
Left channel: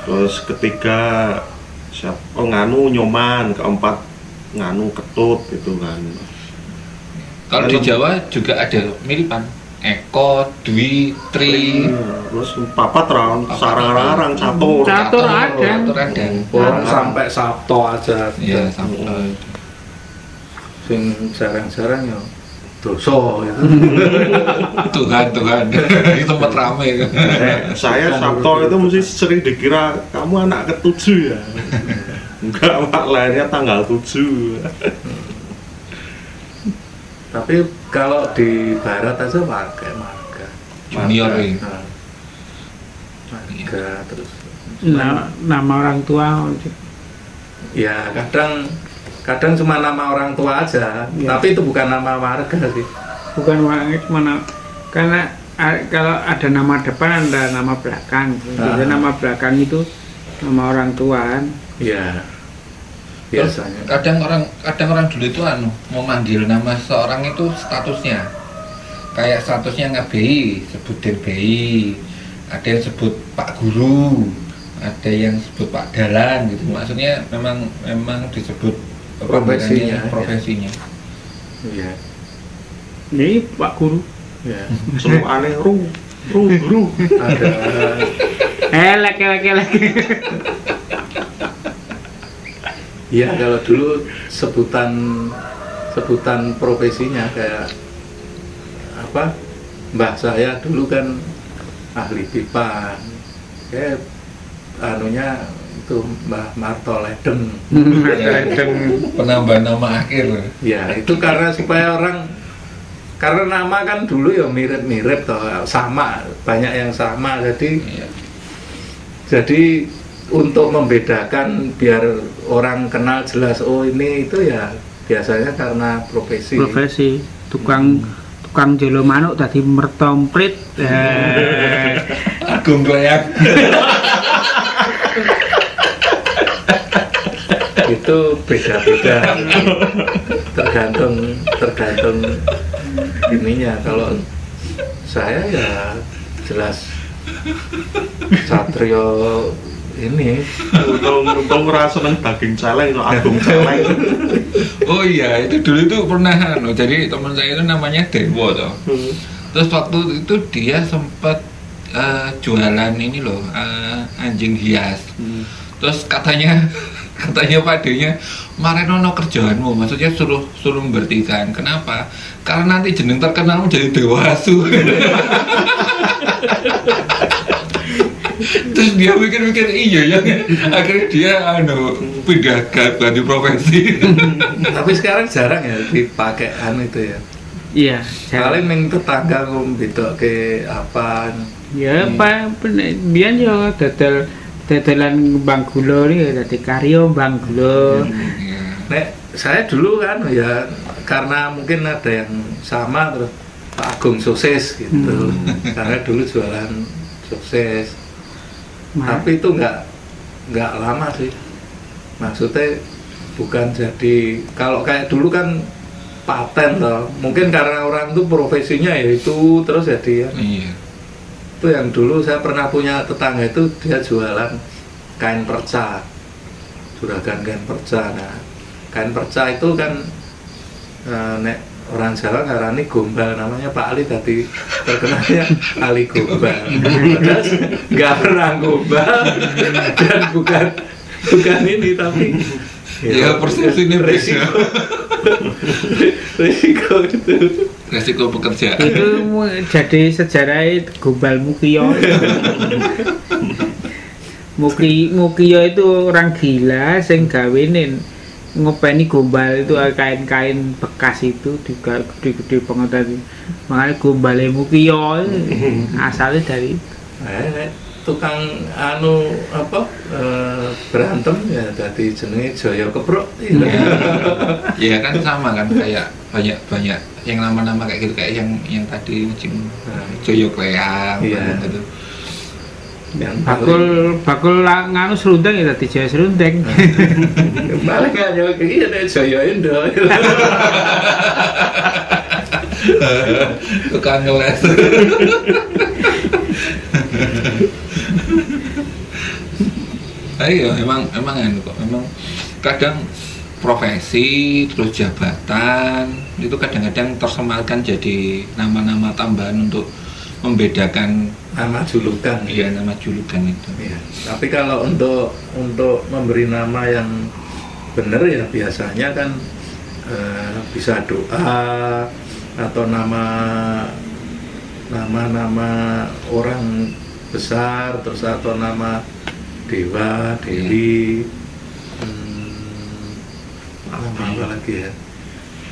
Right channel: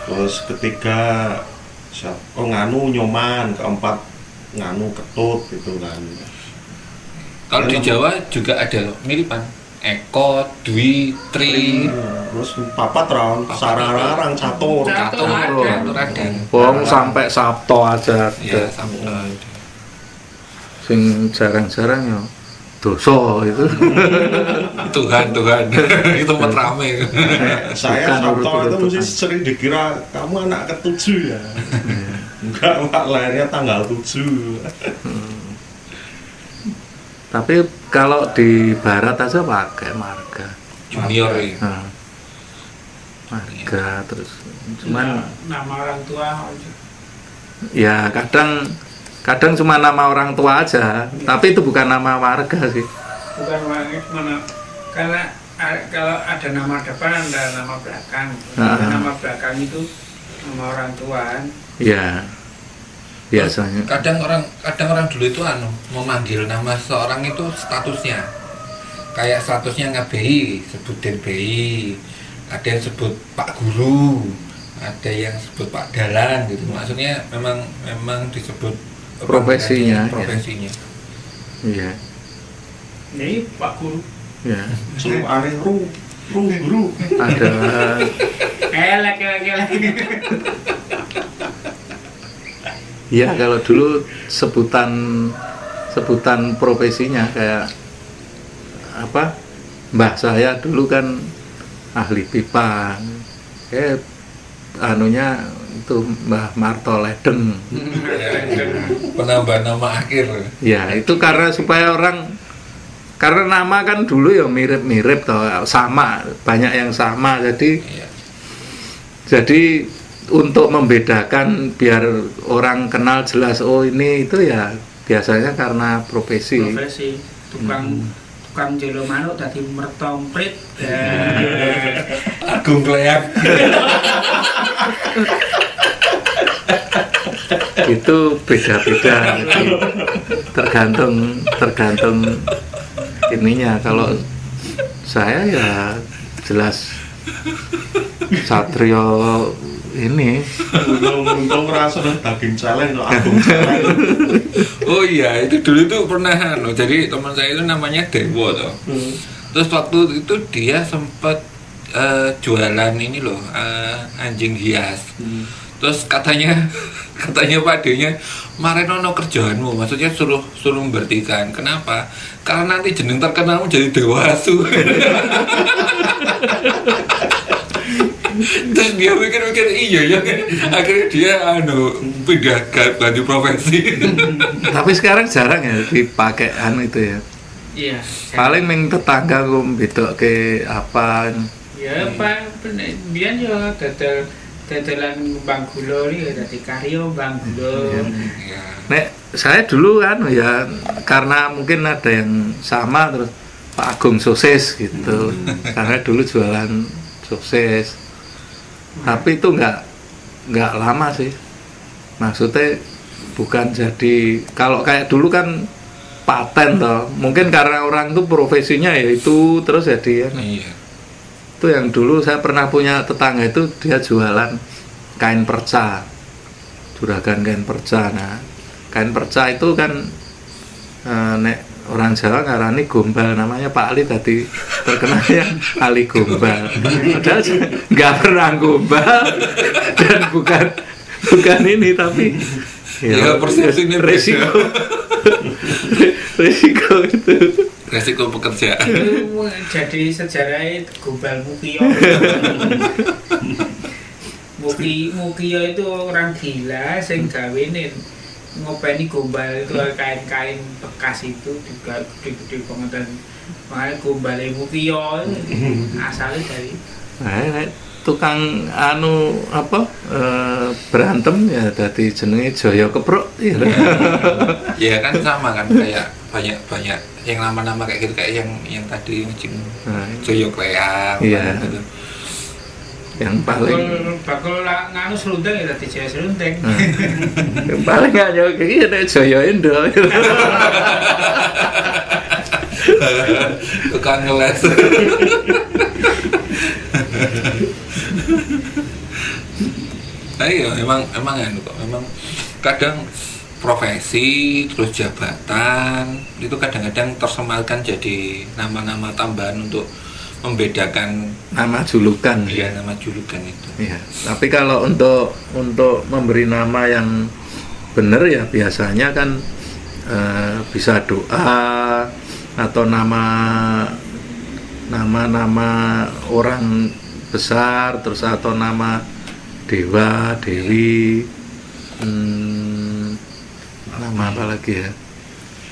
terus ketiga Nganu Nyoman, keempat Nganu Ketut gitu kan. Kalau di Jawa juga ada miripan. Eko, Dwi, Tri, terus Papat Ron, Sararang, Catur ada. Sampai Sabto aja. Iya, Sabto. Sing jarang-jarang ya dosa itu. Tuhan itu tempat ramai. Saya Sabto itu mesti sering dikira kamu anak ketujuh ya. Enggak, Pak, lahirnya tanggal 7. Tapi kalau di barat aja pakai marga junior ini. Marga terus. Nama orang tua. Ya kadang cuma nama orang tua aja, ya. Tapi itu bukan nama marga sih. Bukan mana, karena kalau ada nama depan ada nama belakang. Jadi nama belakang itu nama orang tua. Iya. Biasanya. Kadang orang dulu itu mau manggil nama seorang itu statusnya. Kayak statusnya nge-BI, sebut DBI. Ada yang sebut Pak Guru, ada yang sebut Pak Dalan gitu. Maksudnya memang disebut profesinya. Iya. Ini Pak Guru. Ya. Semua aneh guru. Ada laki. Iya, kalau dulu sebutan profesinya kayak apa? Mbah saya dulu kan ahli pipa. Kayak anunya itu Mbah Marto Ledeng. Penambahan nama akhir. Ya, itu karena supaya karena nama kan dulu ya mirip-mirip toh, sama, banyak yang sama. Jadi untuk membedakan biar orang kenal jelas, oh ini itu ya biasanya karena profesi tukang jelo manuk tadi mertomprit. Agung Kleak. Itu beda-beda, tergantung ininya. Kalau saya ya jelas Satrio ini. Untung rasa daging celeng itu Agung celeng. Oh iya, itu dulu itu pernah jadi teman saya itu namanya Dewo toh. Terus waktu itu dia sempat jualan ini loh, anjing hias. Terus katanya padenya marenono kerjaanmu, maksudnya suruh membertikan. Kenapa? Karena nanti jeneng terkenalmu jadi Dewasu. Terus dia mikir iya ya, akhirnya dia pindah ganti profesi. Tapi sekarang jarang ya dipakai itu ya. Iya. Paling meng tetangga kum bedok ke apa. Ya Pak, biyen yo dadelan Bang Gula iki dadi karya Bang Gula. Iya. Nek saya dulu kan ya karena mungkin ada yang sama terus Pak Agung sosis gitu. Karena dulu jualan sosis. Tapi itu nggak lama sih. Maksudnya bukan jadi kalau kayak dulu kan paten toh. Mungkin karena orang itu profesinya ya itu terus jadi ya. Iya. Itu yang dulu saya pernah punya tetangga itu dia jualan kain perca. Juragan kain perca. Nah, kain perca itu kan nek orang Jawa ngarani gombal, namanya Pak Ali tadi terkenalnya Ali Gombal. Padahal nggak pernah gombal dan bukan ini tapi ya persepsi ini resiko itu. Resiko pekerjaan. Itu jadi sejarah Gombal Mukiyo. Mukiyo itu orang gila sing gawenin ngopeni gombal itu kain-kain bekas itu juga gede-gede banget tadi. Makanya gombalnya Mukiyo asalnya dari tukang berantem ya tadi jenenge Jaya Keprok. Ya kan sama kan kayak banyak yang nama-nama kayak gitu kayak yang tadi Joyo Kleang gitu. Yang bakul nganu serundeng ya tadi Jaya Serundeng. Paling nggak nyawa kayak gitu deh Jaya Indo. Tukang ngeles. Ayo memang kok memang kadang profesi terus jabatan itu kadang-kadang tersematkan jadi nama-nama tambahan untuk membedakan nama julukan. Iya, nama julukan itu. Iya. Tapi kalau untuk memberi nama yang benar ya biasanya kan bisa doa atau nama orang besar terus atau nama dewa, dewi, nama apa lagi ya?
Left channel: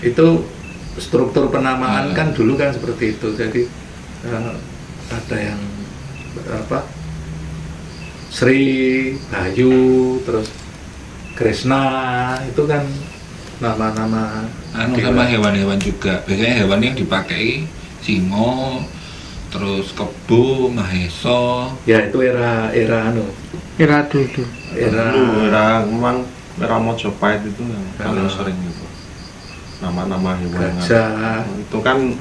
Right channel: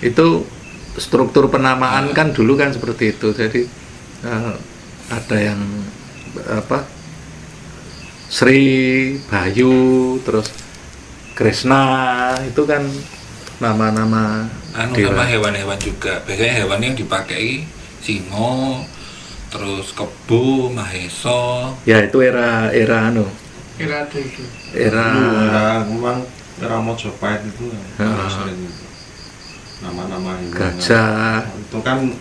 Itu struktur penamaan kan dulu kan seperti itu. Jadi ada yang Sri, Bayu, terus Krishna, itu kan nama-nama nama hewan-hewan juga. Biasanya hewan yang dipakai singo, terus kebo, maheso. Ya itu era dulu. Era Mojopahit itu yang sering itu. Nama-nama hewan. Gajah. Itu kan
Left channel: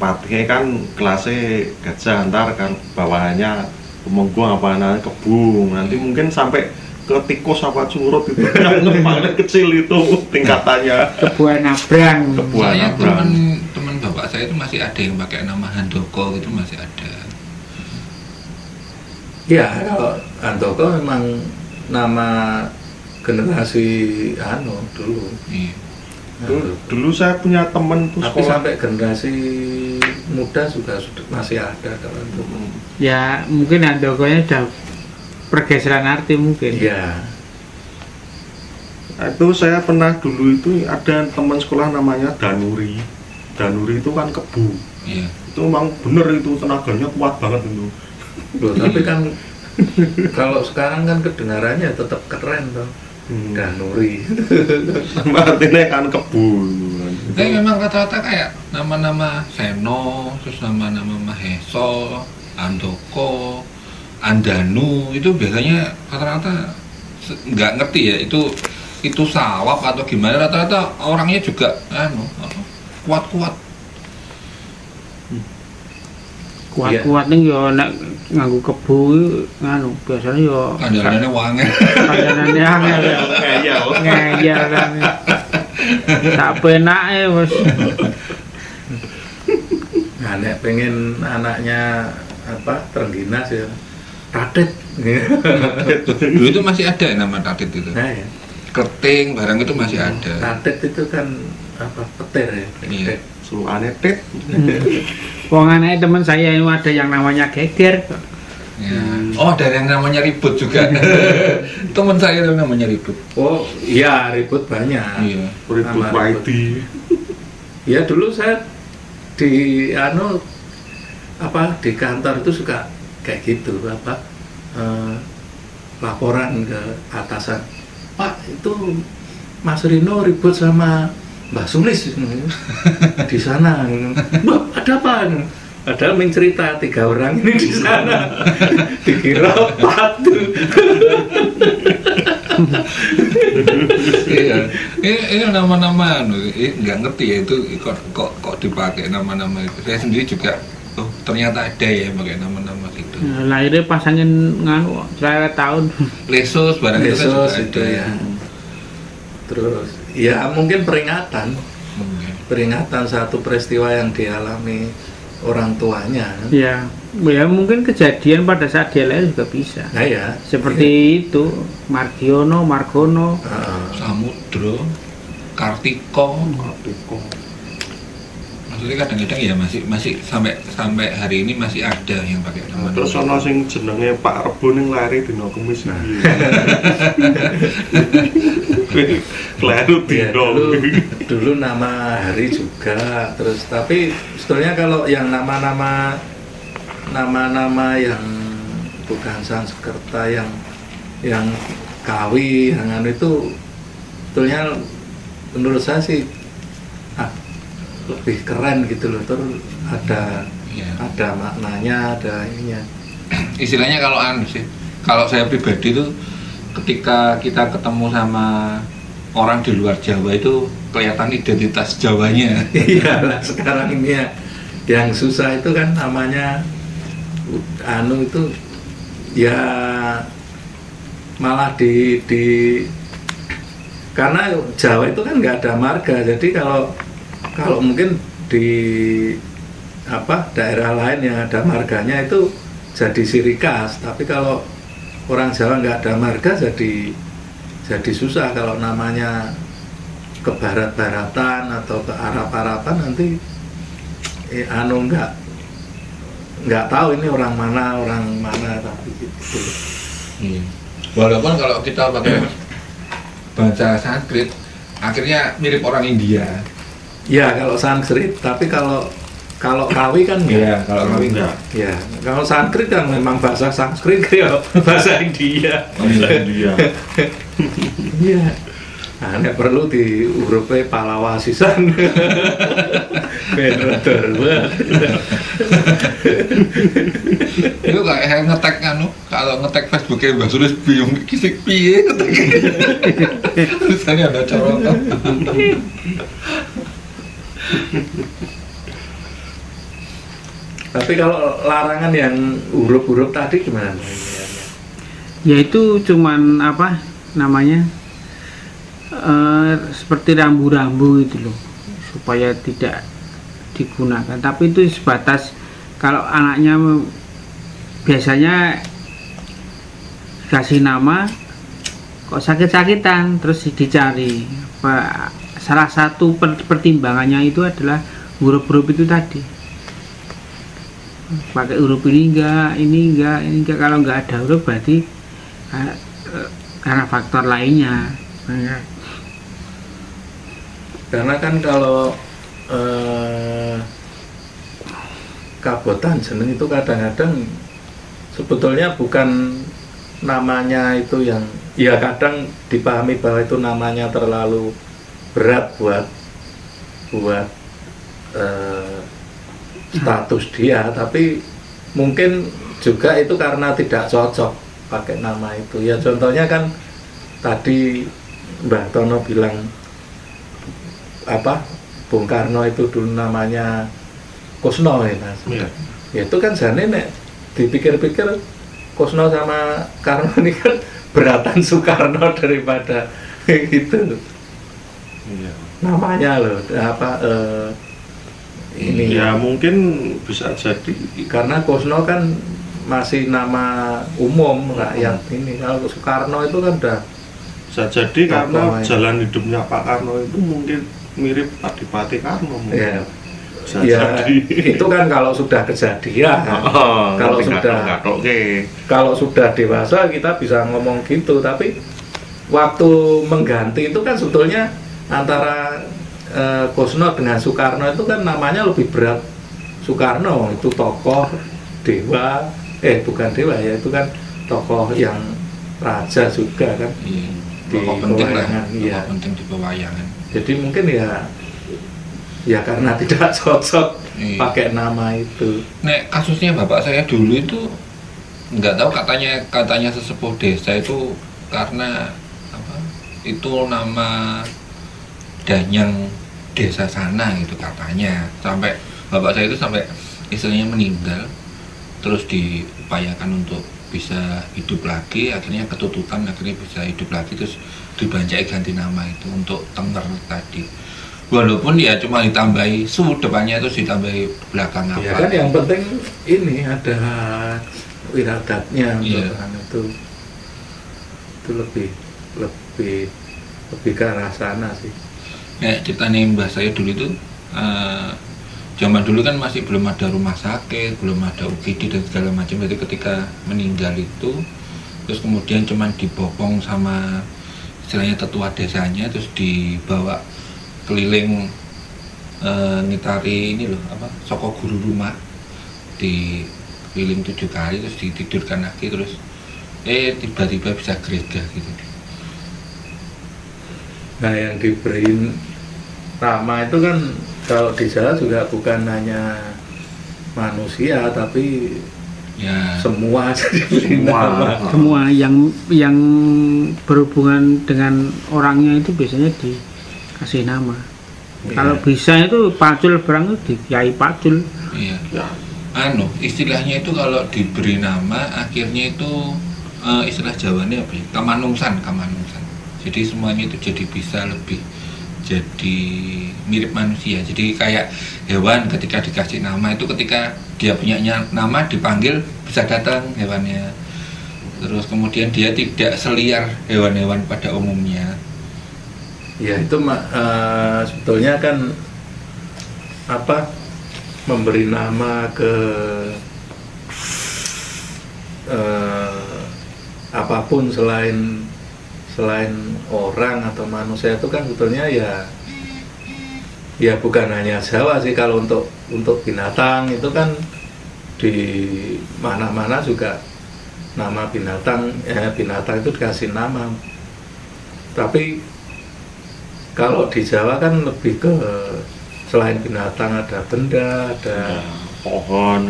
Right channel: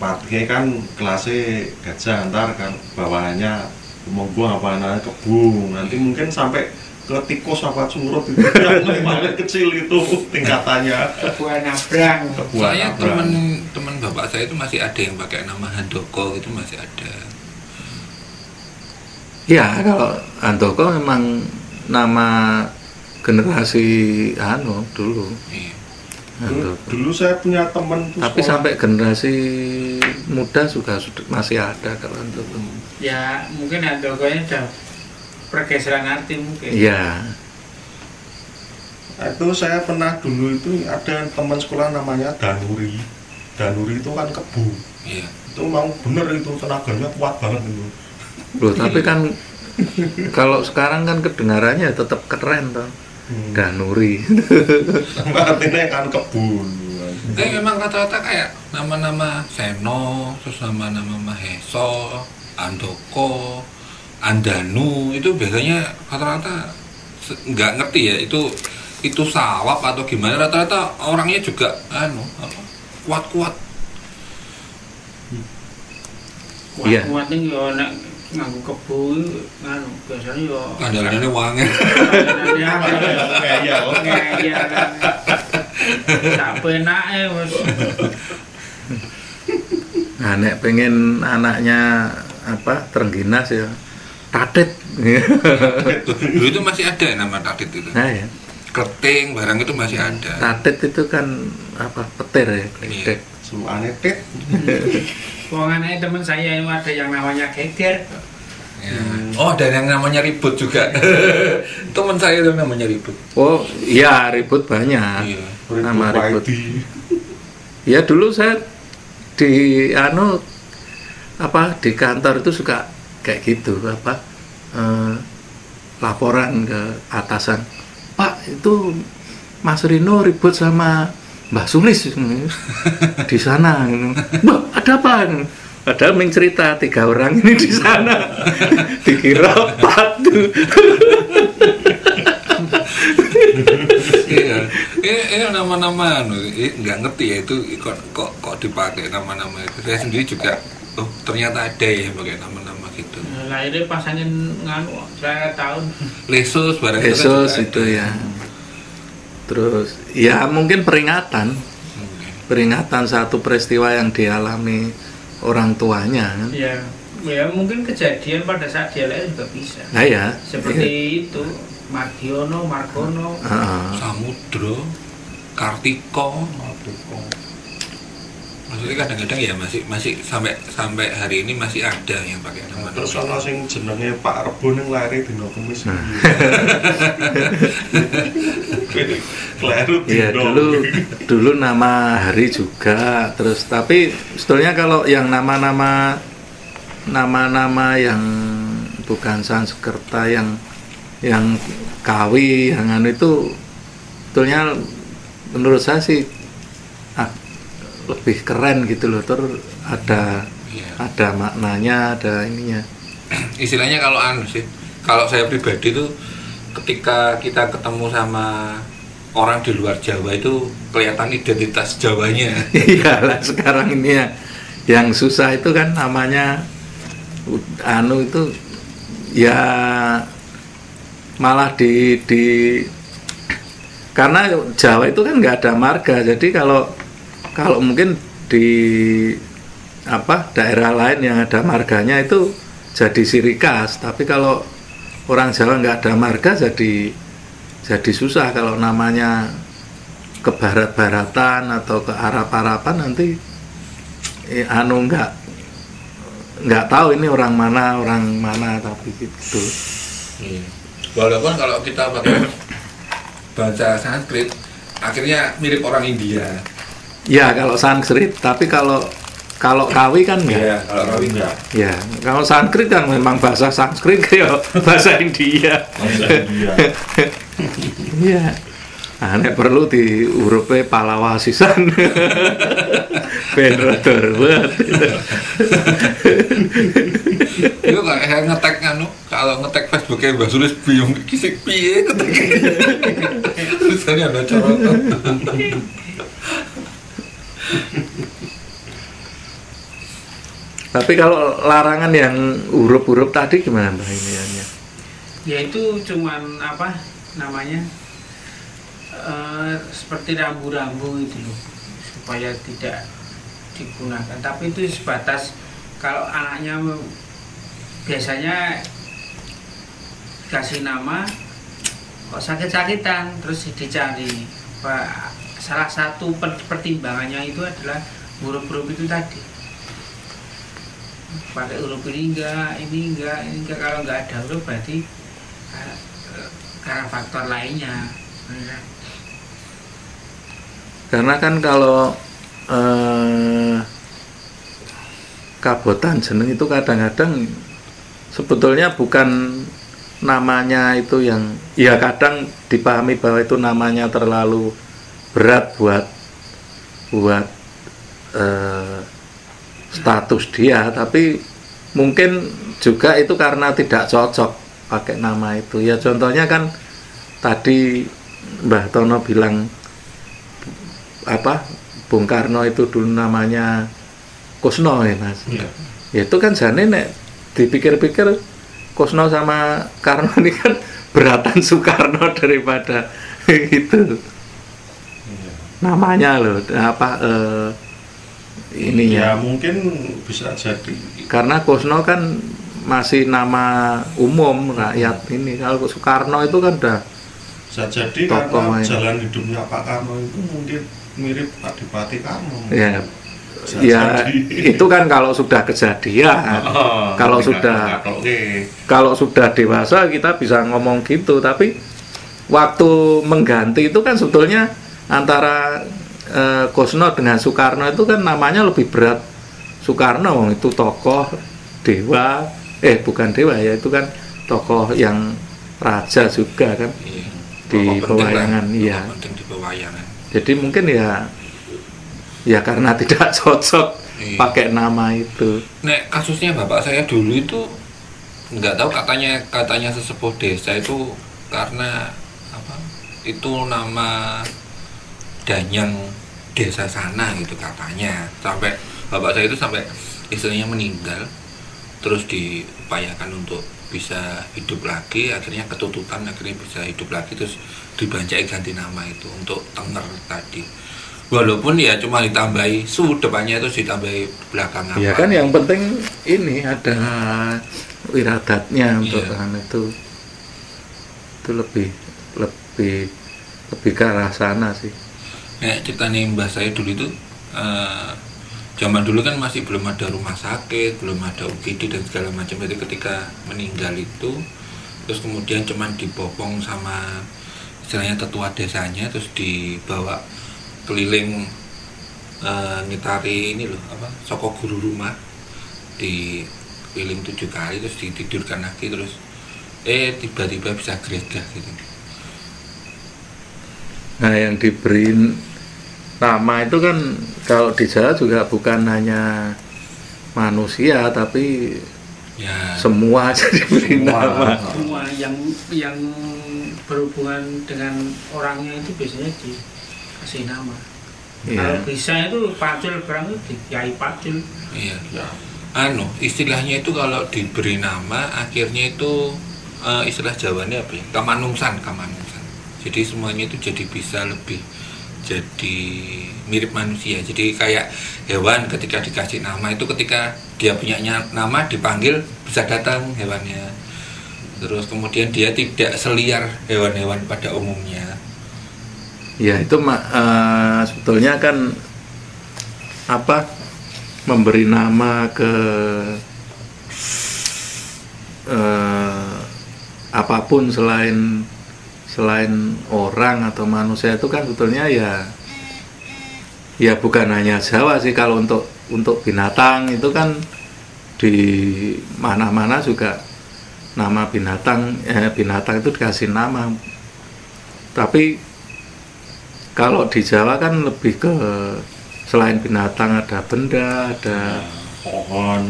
patihnya kan kelasnya gajah, antar kan bawahannya pemonggung apa namanya kebun, nanti mungkin sampai ke tikus apa curut itu yang paling kecil itu tingkatannya. Kebuan Abrang. Saya teman bapak saya itu masih ada yang pakai nama Handoko gitu, masih ada. Ya kalau Handoko memang nama generasi dulu. Iya. Dulu saya punya teman tuh tapi sekolah. sampai generasi muda sudah masih ada kalau itu. Ya mungkin Handokonya udah pergeseran arti mungkin. Iya. Itu saya pernah dulu itu ada teman sekolah namanya Danuri. Danuri itu kan kebu. Iya. Itu memang bener itu tenaganya kuat banget itu. Loh, tapi kan kalau sekarang kan kedengarannya tetap keren toh. Danuri. Artinya kan kebu. Tapi memang rata-rata kayak nama-nama Seno, terus nama-nama Maheso, Andoko, Andanu itu biasanya rata-rata nggak ngerti ya itu sawap atau gimana, rata-rata orangnya juga kuat-kuat. Kuat-kuat nih yo nek nganggo kebo biasanya yo kandangane wangi. kandangane ngeyel kan. Tak penake wis. Nek pengen anaknya terengginas ya tatit. Dulu itu masih ada nama tatit itu. Ya. Kerting barang itu masih ada. Tatit itu kan petir ya. Iya. Suane tit. Wong anake teman saya itu ada yang namanya geger. Ya. Oh, dan yang namanya ribut juga. Teman saya itu namanya ribut. Oh, iya ribut banyak. Iya. Nama ribut. Ya dulu saya di di kantor itu suka kayak gitu laporan ke atasan, Pak itu Mas Rino ribut sama Mbah Sulis di sana. Mbak ada apa? Padahal mencerita 3 orang ini di sana dikira patu. Iya, ini nama-nama nggak ngerti ya itu kok dipakai nama-nama itu. Saya sendiri juga ternyata ada ya pakai nama-nama gitu. Lahirnya pasangin saya tahun. Lesus barang itu kan juga itu ada ya. Terus ya mungkin peringatan satu peristiwa yang dialami orang tuanya. Ya mungkin kejadian pada saat dia lahir juga bisa. Ya. Seperti itu, Margono, Samudro, Kartiko. Maksudnya kadang-kadang ya masih sampai hari ini masih ada yang pakai nama. Terus ana sing jenenge Pak Rebo ning lari dina Kamis iki. Kleru dulu nama hari juga. Terus tapi sebetulnya kalau yang nama-nama yang bukan Sanskerta yang Kawi yang itu sebetulnya menurut saya sih lebih keren gitu loh, terus ada maknanya, ada ininya. Istilahnya kalau saya pribadi tuh ketika kita ketemu sama orang di luar Jawa itu kelihatan identitas Jawanya. Iya, sekarang ini yang susah itu kan namanya itu ya malah di karena Jawa itu kan nggak ada marga, jadi kalau mungkin di daerah lain yang ada marganya itu jadi ciri khas, tapi kalau orang Jawa nggak ada marga jadi susah. Kalau namanya ke barat-baratan atau ke Arab-Araban nanti nggak tahu ini orang mana tapi gitu. Walaupun kalau kita pakai bahasa Sanskrit akhirnya mirip orang India. Ya kalau Sanskrit, tapi kalau Kawi kan enggak. Iya, kalau Kawi enggak. Ya, kalau Sanskrit kan memang bahasa Sanskrit kayak bahasa India. Iya. Nek perlu di urupe Palawa sisan. Bener. Itu kayak ngetek kalau ngetek Facebooknya Mbak Sulis bingung kisik piye ngetek. Tulisannya ada corotan. Tapi kalau larangan yang huruf-huruf tadi gimana Mbak ini? Ya itu cuman seperti rambu-rambu itu loh, supaya tidak digunakan. Tapi itu sebatas kalau anaknya biasanya kasih nama kok sakit-sakitan terus dicari. Salah satu pertimbangannya itu adalah huruf-huruf itu tadi. Pakai huruf ini enggak. Kalau enggak ada huruf berarti karena faktor lainnya. Karena kan kalau Kabotan jeneng itu kadang-kadang sebetulnya bukan namanya itu yang ya kadang dipahami bahwa itu namanya terlalu berat buat status dia, tapi mungkin juga itu karena tidak cocok pakai nama itu. Ya contohnya kan tadi Mbah Tono bilang apa, Bung Karno itu dulu namanya Kusno ya Mas. Iya. Itu kan jane nek dipikir-pikir Kusno sama Karno ini kan beratan Soekarno daripada gitu. Iya. Namanya loh apa ini Ya mungkin bisa jadi karena Kusno kan masih nama umum rakyat ini. Kalau Soekarno itu kan udah bisa jadi karena jalan hidupnya Pak Karno itu mungkin mirip Adipati Karno. ya, Bisa ya jadi. itu kan kalau sudah kejadian. Kalau sudah dewasa kita bisa ngomong gitu, tapi waktu mengganti itu kan sebetulnya antara Kusno dengan Soekarno itu kan namanya lebih berat. Soekarno itu tokoh dewa, bukan dewa ya, itu kan tokoh yang raja juga kan. Iya. Di pewayangan, iya. Penting di pewayangan. Jadi mungkin ya karena tidak cocok Iya. pakai nama itu. Nek kasusnya bapak saya dulu itu nggak tahu, katanya sesepuh desa itu karena apa? Itu nama danyang desa sana gitu katanya. Sampai bapak saya itu sampai istilahnya meninggal, terus diupayakan untuk bisa hidup lagi, akhirnya ketutupan, akhirnya bisa hidup lagi, terus dibanjai ganti nama itu untuk Tengger tadi. Walaupun ya cuma ditambahi su depannya, itu ditambahi belakang apa. Ya kan yang penting ini ada wiradatnya untuk itu lebih ke arah sana sih. Nah, cerita nih mbah saya dulu itu zaman dulu kan masih belum ada rumah sakit, belum ada UGD dan segala macam. Jadi ketika meninggal itu, terus kemudian cuman dibopong sama istilahnya tetua desanya, terus dibawa keliling ngitari ini loh apa, soko guru rumah, di keliling 7 kali, terus ditidurkan lagi, terus tiba-tiba bisa gereja gitu. Nah yang diberi nama itu kan kalau di Jawa juga bukan hanya manusia, tapi Ya, semua jadi diberi nama. Semua yang berhubungan dengan orangnya itu biasanya dikasih nama. Iya. Kalau bisa itu Pacul berang itu di Kiai Pacul. iya. Ya. Istilahnya itu kalau diberi nama akhirnya itu istilah Jawanya apa ya? Kamanungsan. Jadi semuanya itu jadi bisa lebih jadi mirip manusia. Jadi kayak hewan ketika dikasih nama itu, ketika dia punya nama dipanggil bisa datang hewannya. Terus kemudian dia tidak seliar hewan-hewan pada umumnya. Ya itu sebetulnya kan apa, memberi nama ke apapun selain orang atau manusia itu kan sebetulnya ya bukan hanya Jawa sih. Kalau untuk binatang itu kan di mana-mana juga nama binatang itu dikasih nama. Tapi kalau di Jawa kan lebih ke selain binatang ada benda, ada pohon.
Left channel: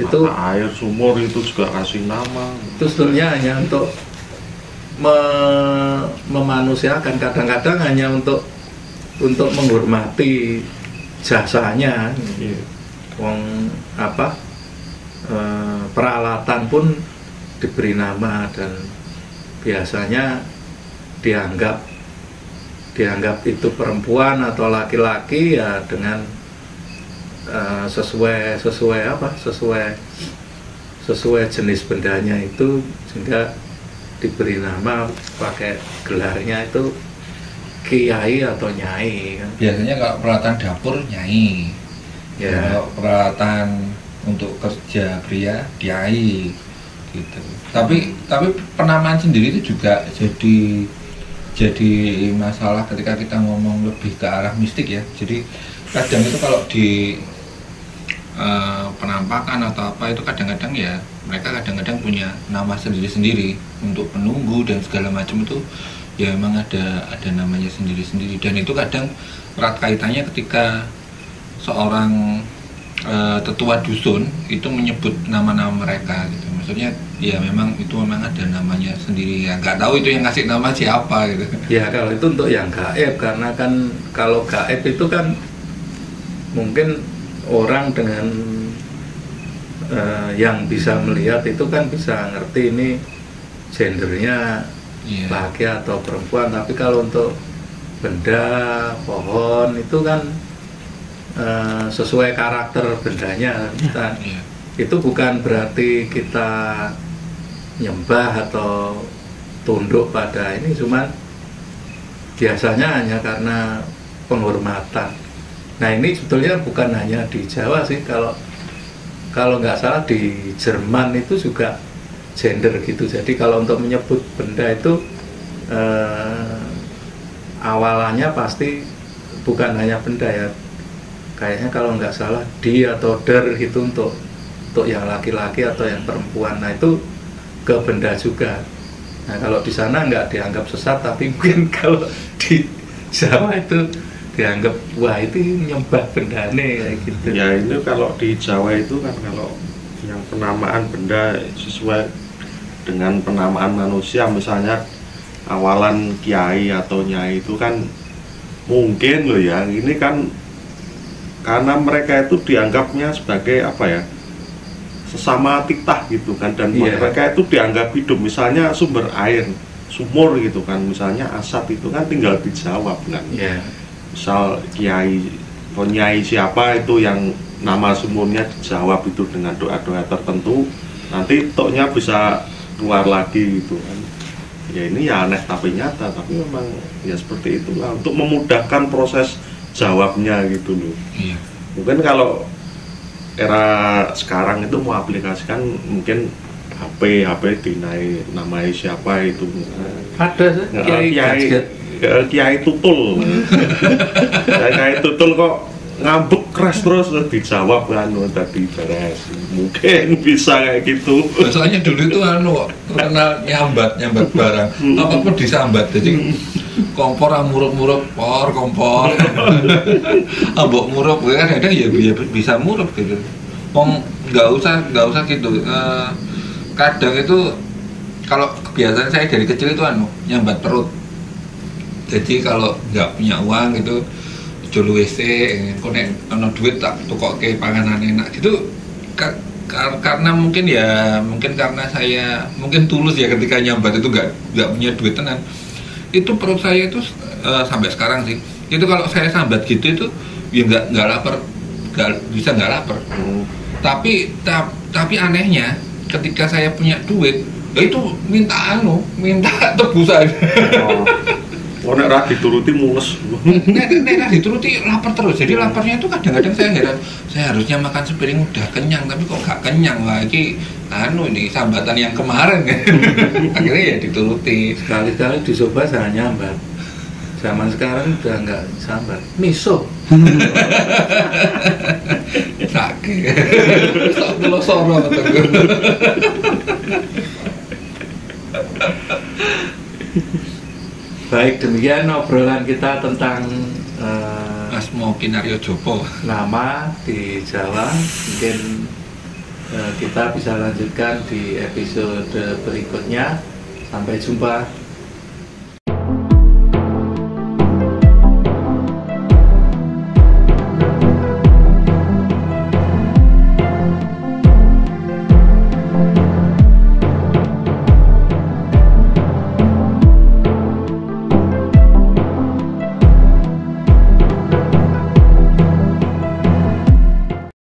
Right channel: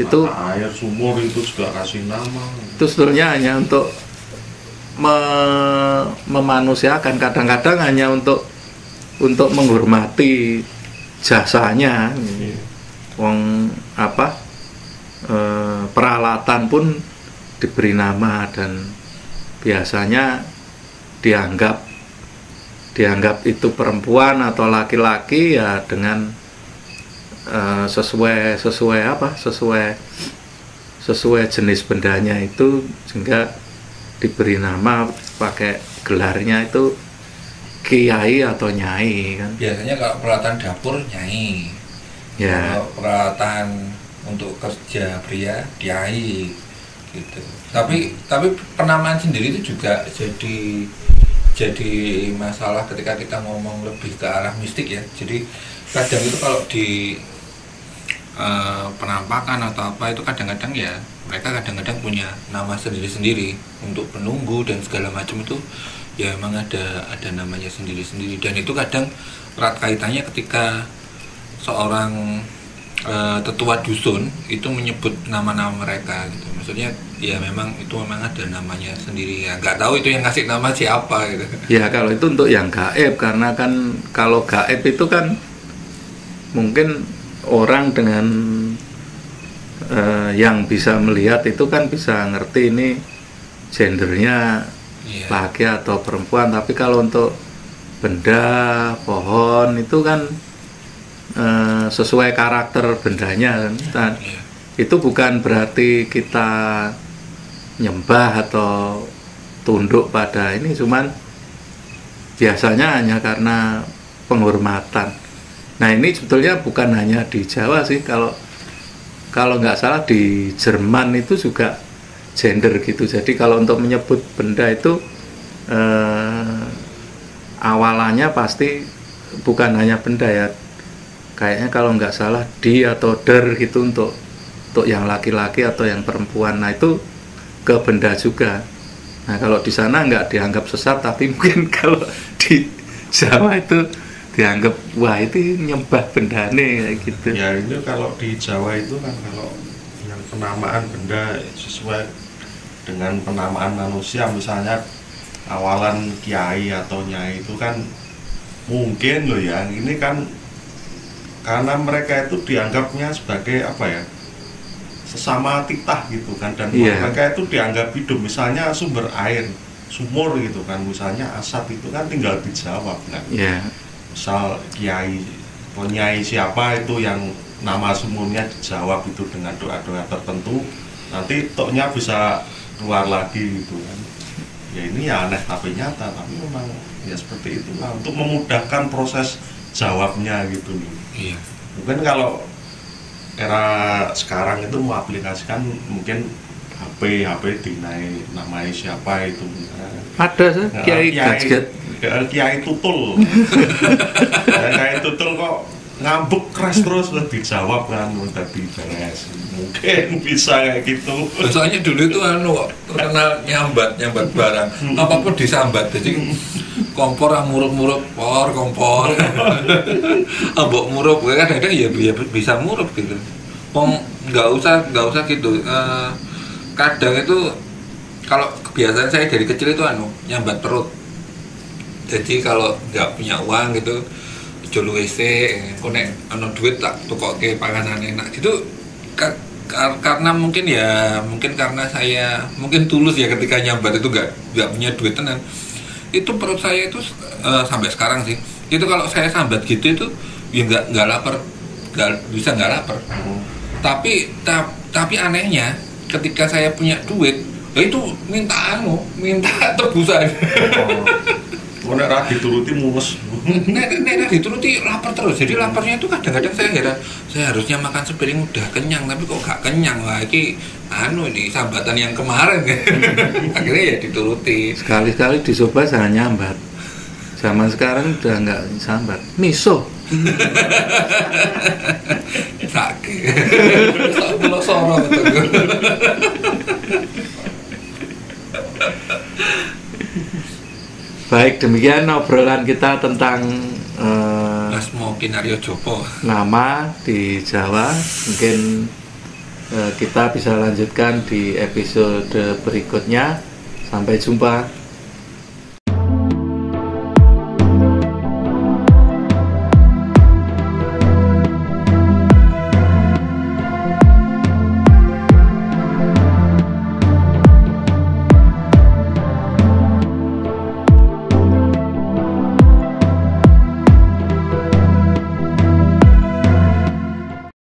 Itu air sumur itu juga kasih nama. Itu sebenarnya hanya untuk memanusiakan, kadang-kadang hanya untuk menghormati jasanya. Iya. Wong apa peralatan pun diberi nama, dan biasanya dianggap itu perempuan atau laki-laki ya dengan sesuai jenis bendanya itu, sehingga diberi nama pakai gelarnya itu kiai atau nyai kan. Biasanya kalau peralatan dapur nyai. Ya. Kalau peralatan untuk kerja pria kiai gitu. Tapi penamaan sendiri itu juga jadi masalah ketika kita ngomong lebih ke arah mistik ya. Jadi kadang itu kalau di penampakan atau apa itu kadang-kadang ya mereka kadang-kadang punya nama sendiri-sendiri untuk penunggu dan segala macam itu ya, memang ada namanya sendiri-sendiri. Dan itu kadang erat kaitannya ketika seorang tetua dusun itu menyebut nama-nama mereka gitu. Maksudnya ya memang ada namanya sendiri ya. Nggak tahu itu yang ngasih nama siapa gitu. Ya kalau itu untuk yang gaib, karena kan kalau gaib itu kan mungkin orang dengan yang bisa melihat itu kan bisa ngerti ini gendernya laki atau perempuan. Tapi kalau untuk benda, pohon itu kan sesuai karakter bendanya kan. Itu bukan berarti kita nyembah atau tunduk pada ini, cuman biasanya hanya karena penghormatan. Nah ini sebetulnya bukan hanya di Jawa sih, kalau nggak salah di Jerman itu juga gender gitu. Jadi kalau untuk menyebut benda itu awalannya pasti bukan hanya benda ya. Kayaknya kalau nggak salah di atau der itu untuk yang laki-laki atau yang perempuan. Nah itu ke benda juga. Nah kalau di sana nggak dianggap sesat, tapi mungkin kalau di Jawa itu dianggap wah itu nyembah benda nih kayak gitu. Ya itu kalau di Jawa itu kan kalau yang penamaan benda sesuai dengan penamaan manusia, misalnya awalan kiai atau nyai itu kan mungkin loh ya, ini kan karena mereka itu dianggapnya sebagai apa ya, sesama titah gitu kan, dan mereka itu dianggap hidup. Misalnya sumber air, sumur gitu kan, misalnya asap itu kan tinggal dijawab kan. Misal kiai atau nyai siapa itu yang nama sumurnya dijawab itu dengan doa-doa tertentu, nanti toknya bisa keluar lagi gitu kan. Ya ini ya aneh tapi nyata, tapi memang ya seperti itulah untuk memudahkan proses jawabnya gitu loh. Mungkin kalau era sekarang itu mau aplikasikan mungkin HP dinai namanya siapa itu. Ada Kiai Tutul. Kiai Tutul kok ngambek keras terus dijawab kan tadi beres. Mungkin bisa kayak gitu. Soalnya dulu itu terkenal nyambat barang. Apapun disambat. Jadi kompor murup kompor. Ambok murup kan ada ya bisa murup gitu. Wong nggak usah gitu. Kadang itu kalau kebiasaan saya dari kecil itu nyambat perut. Jadi kalau nggak punya uang gitu, jual WC, konek ono duit tak tukoke panganan enak gitu. Karena mungkin karena saya mungkin tulus ya ketika nyambat itu nggak punya duit tenan. Itu perut saya itu sampai sekarang sih. Itu kalau saya sambat gitu itu ya nggak lapar, bisa nggak lapar. Tapi anehnya ketika saya punya duit, itu minta tebusan. Nek ra dituruti mules. Nek dituruti lapar terus. Jadi laparnya itu kadang-kadang saya heran. Saya harusnya makan sepiring udah kenyang, tapi kok nggak kenyang lagi. Ini sambatan yang kemarin. Akhirnya ya dituruti. Sekali-kali dicoba saya nyambat. Zaman sekarang udah nggak sambat. Miso. Sakit. Tak pulau soro betul. Baik, demikian obrolan kita tentang Asma Kinaryo Jopo, nama di Jawa. Mungkin kita bisa lanjutkan di episode berikutnya. Sampai jumpa.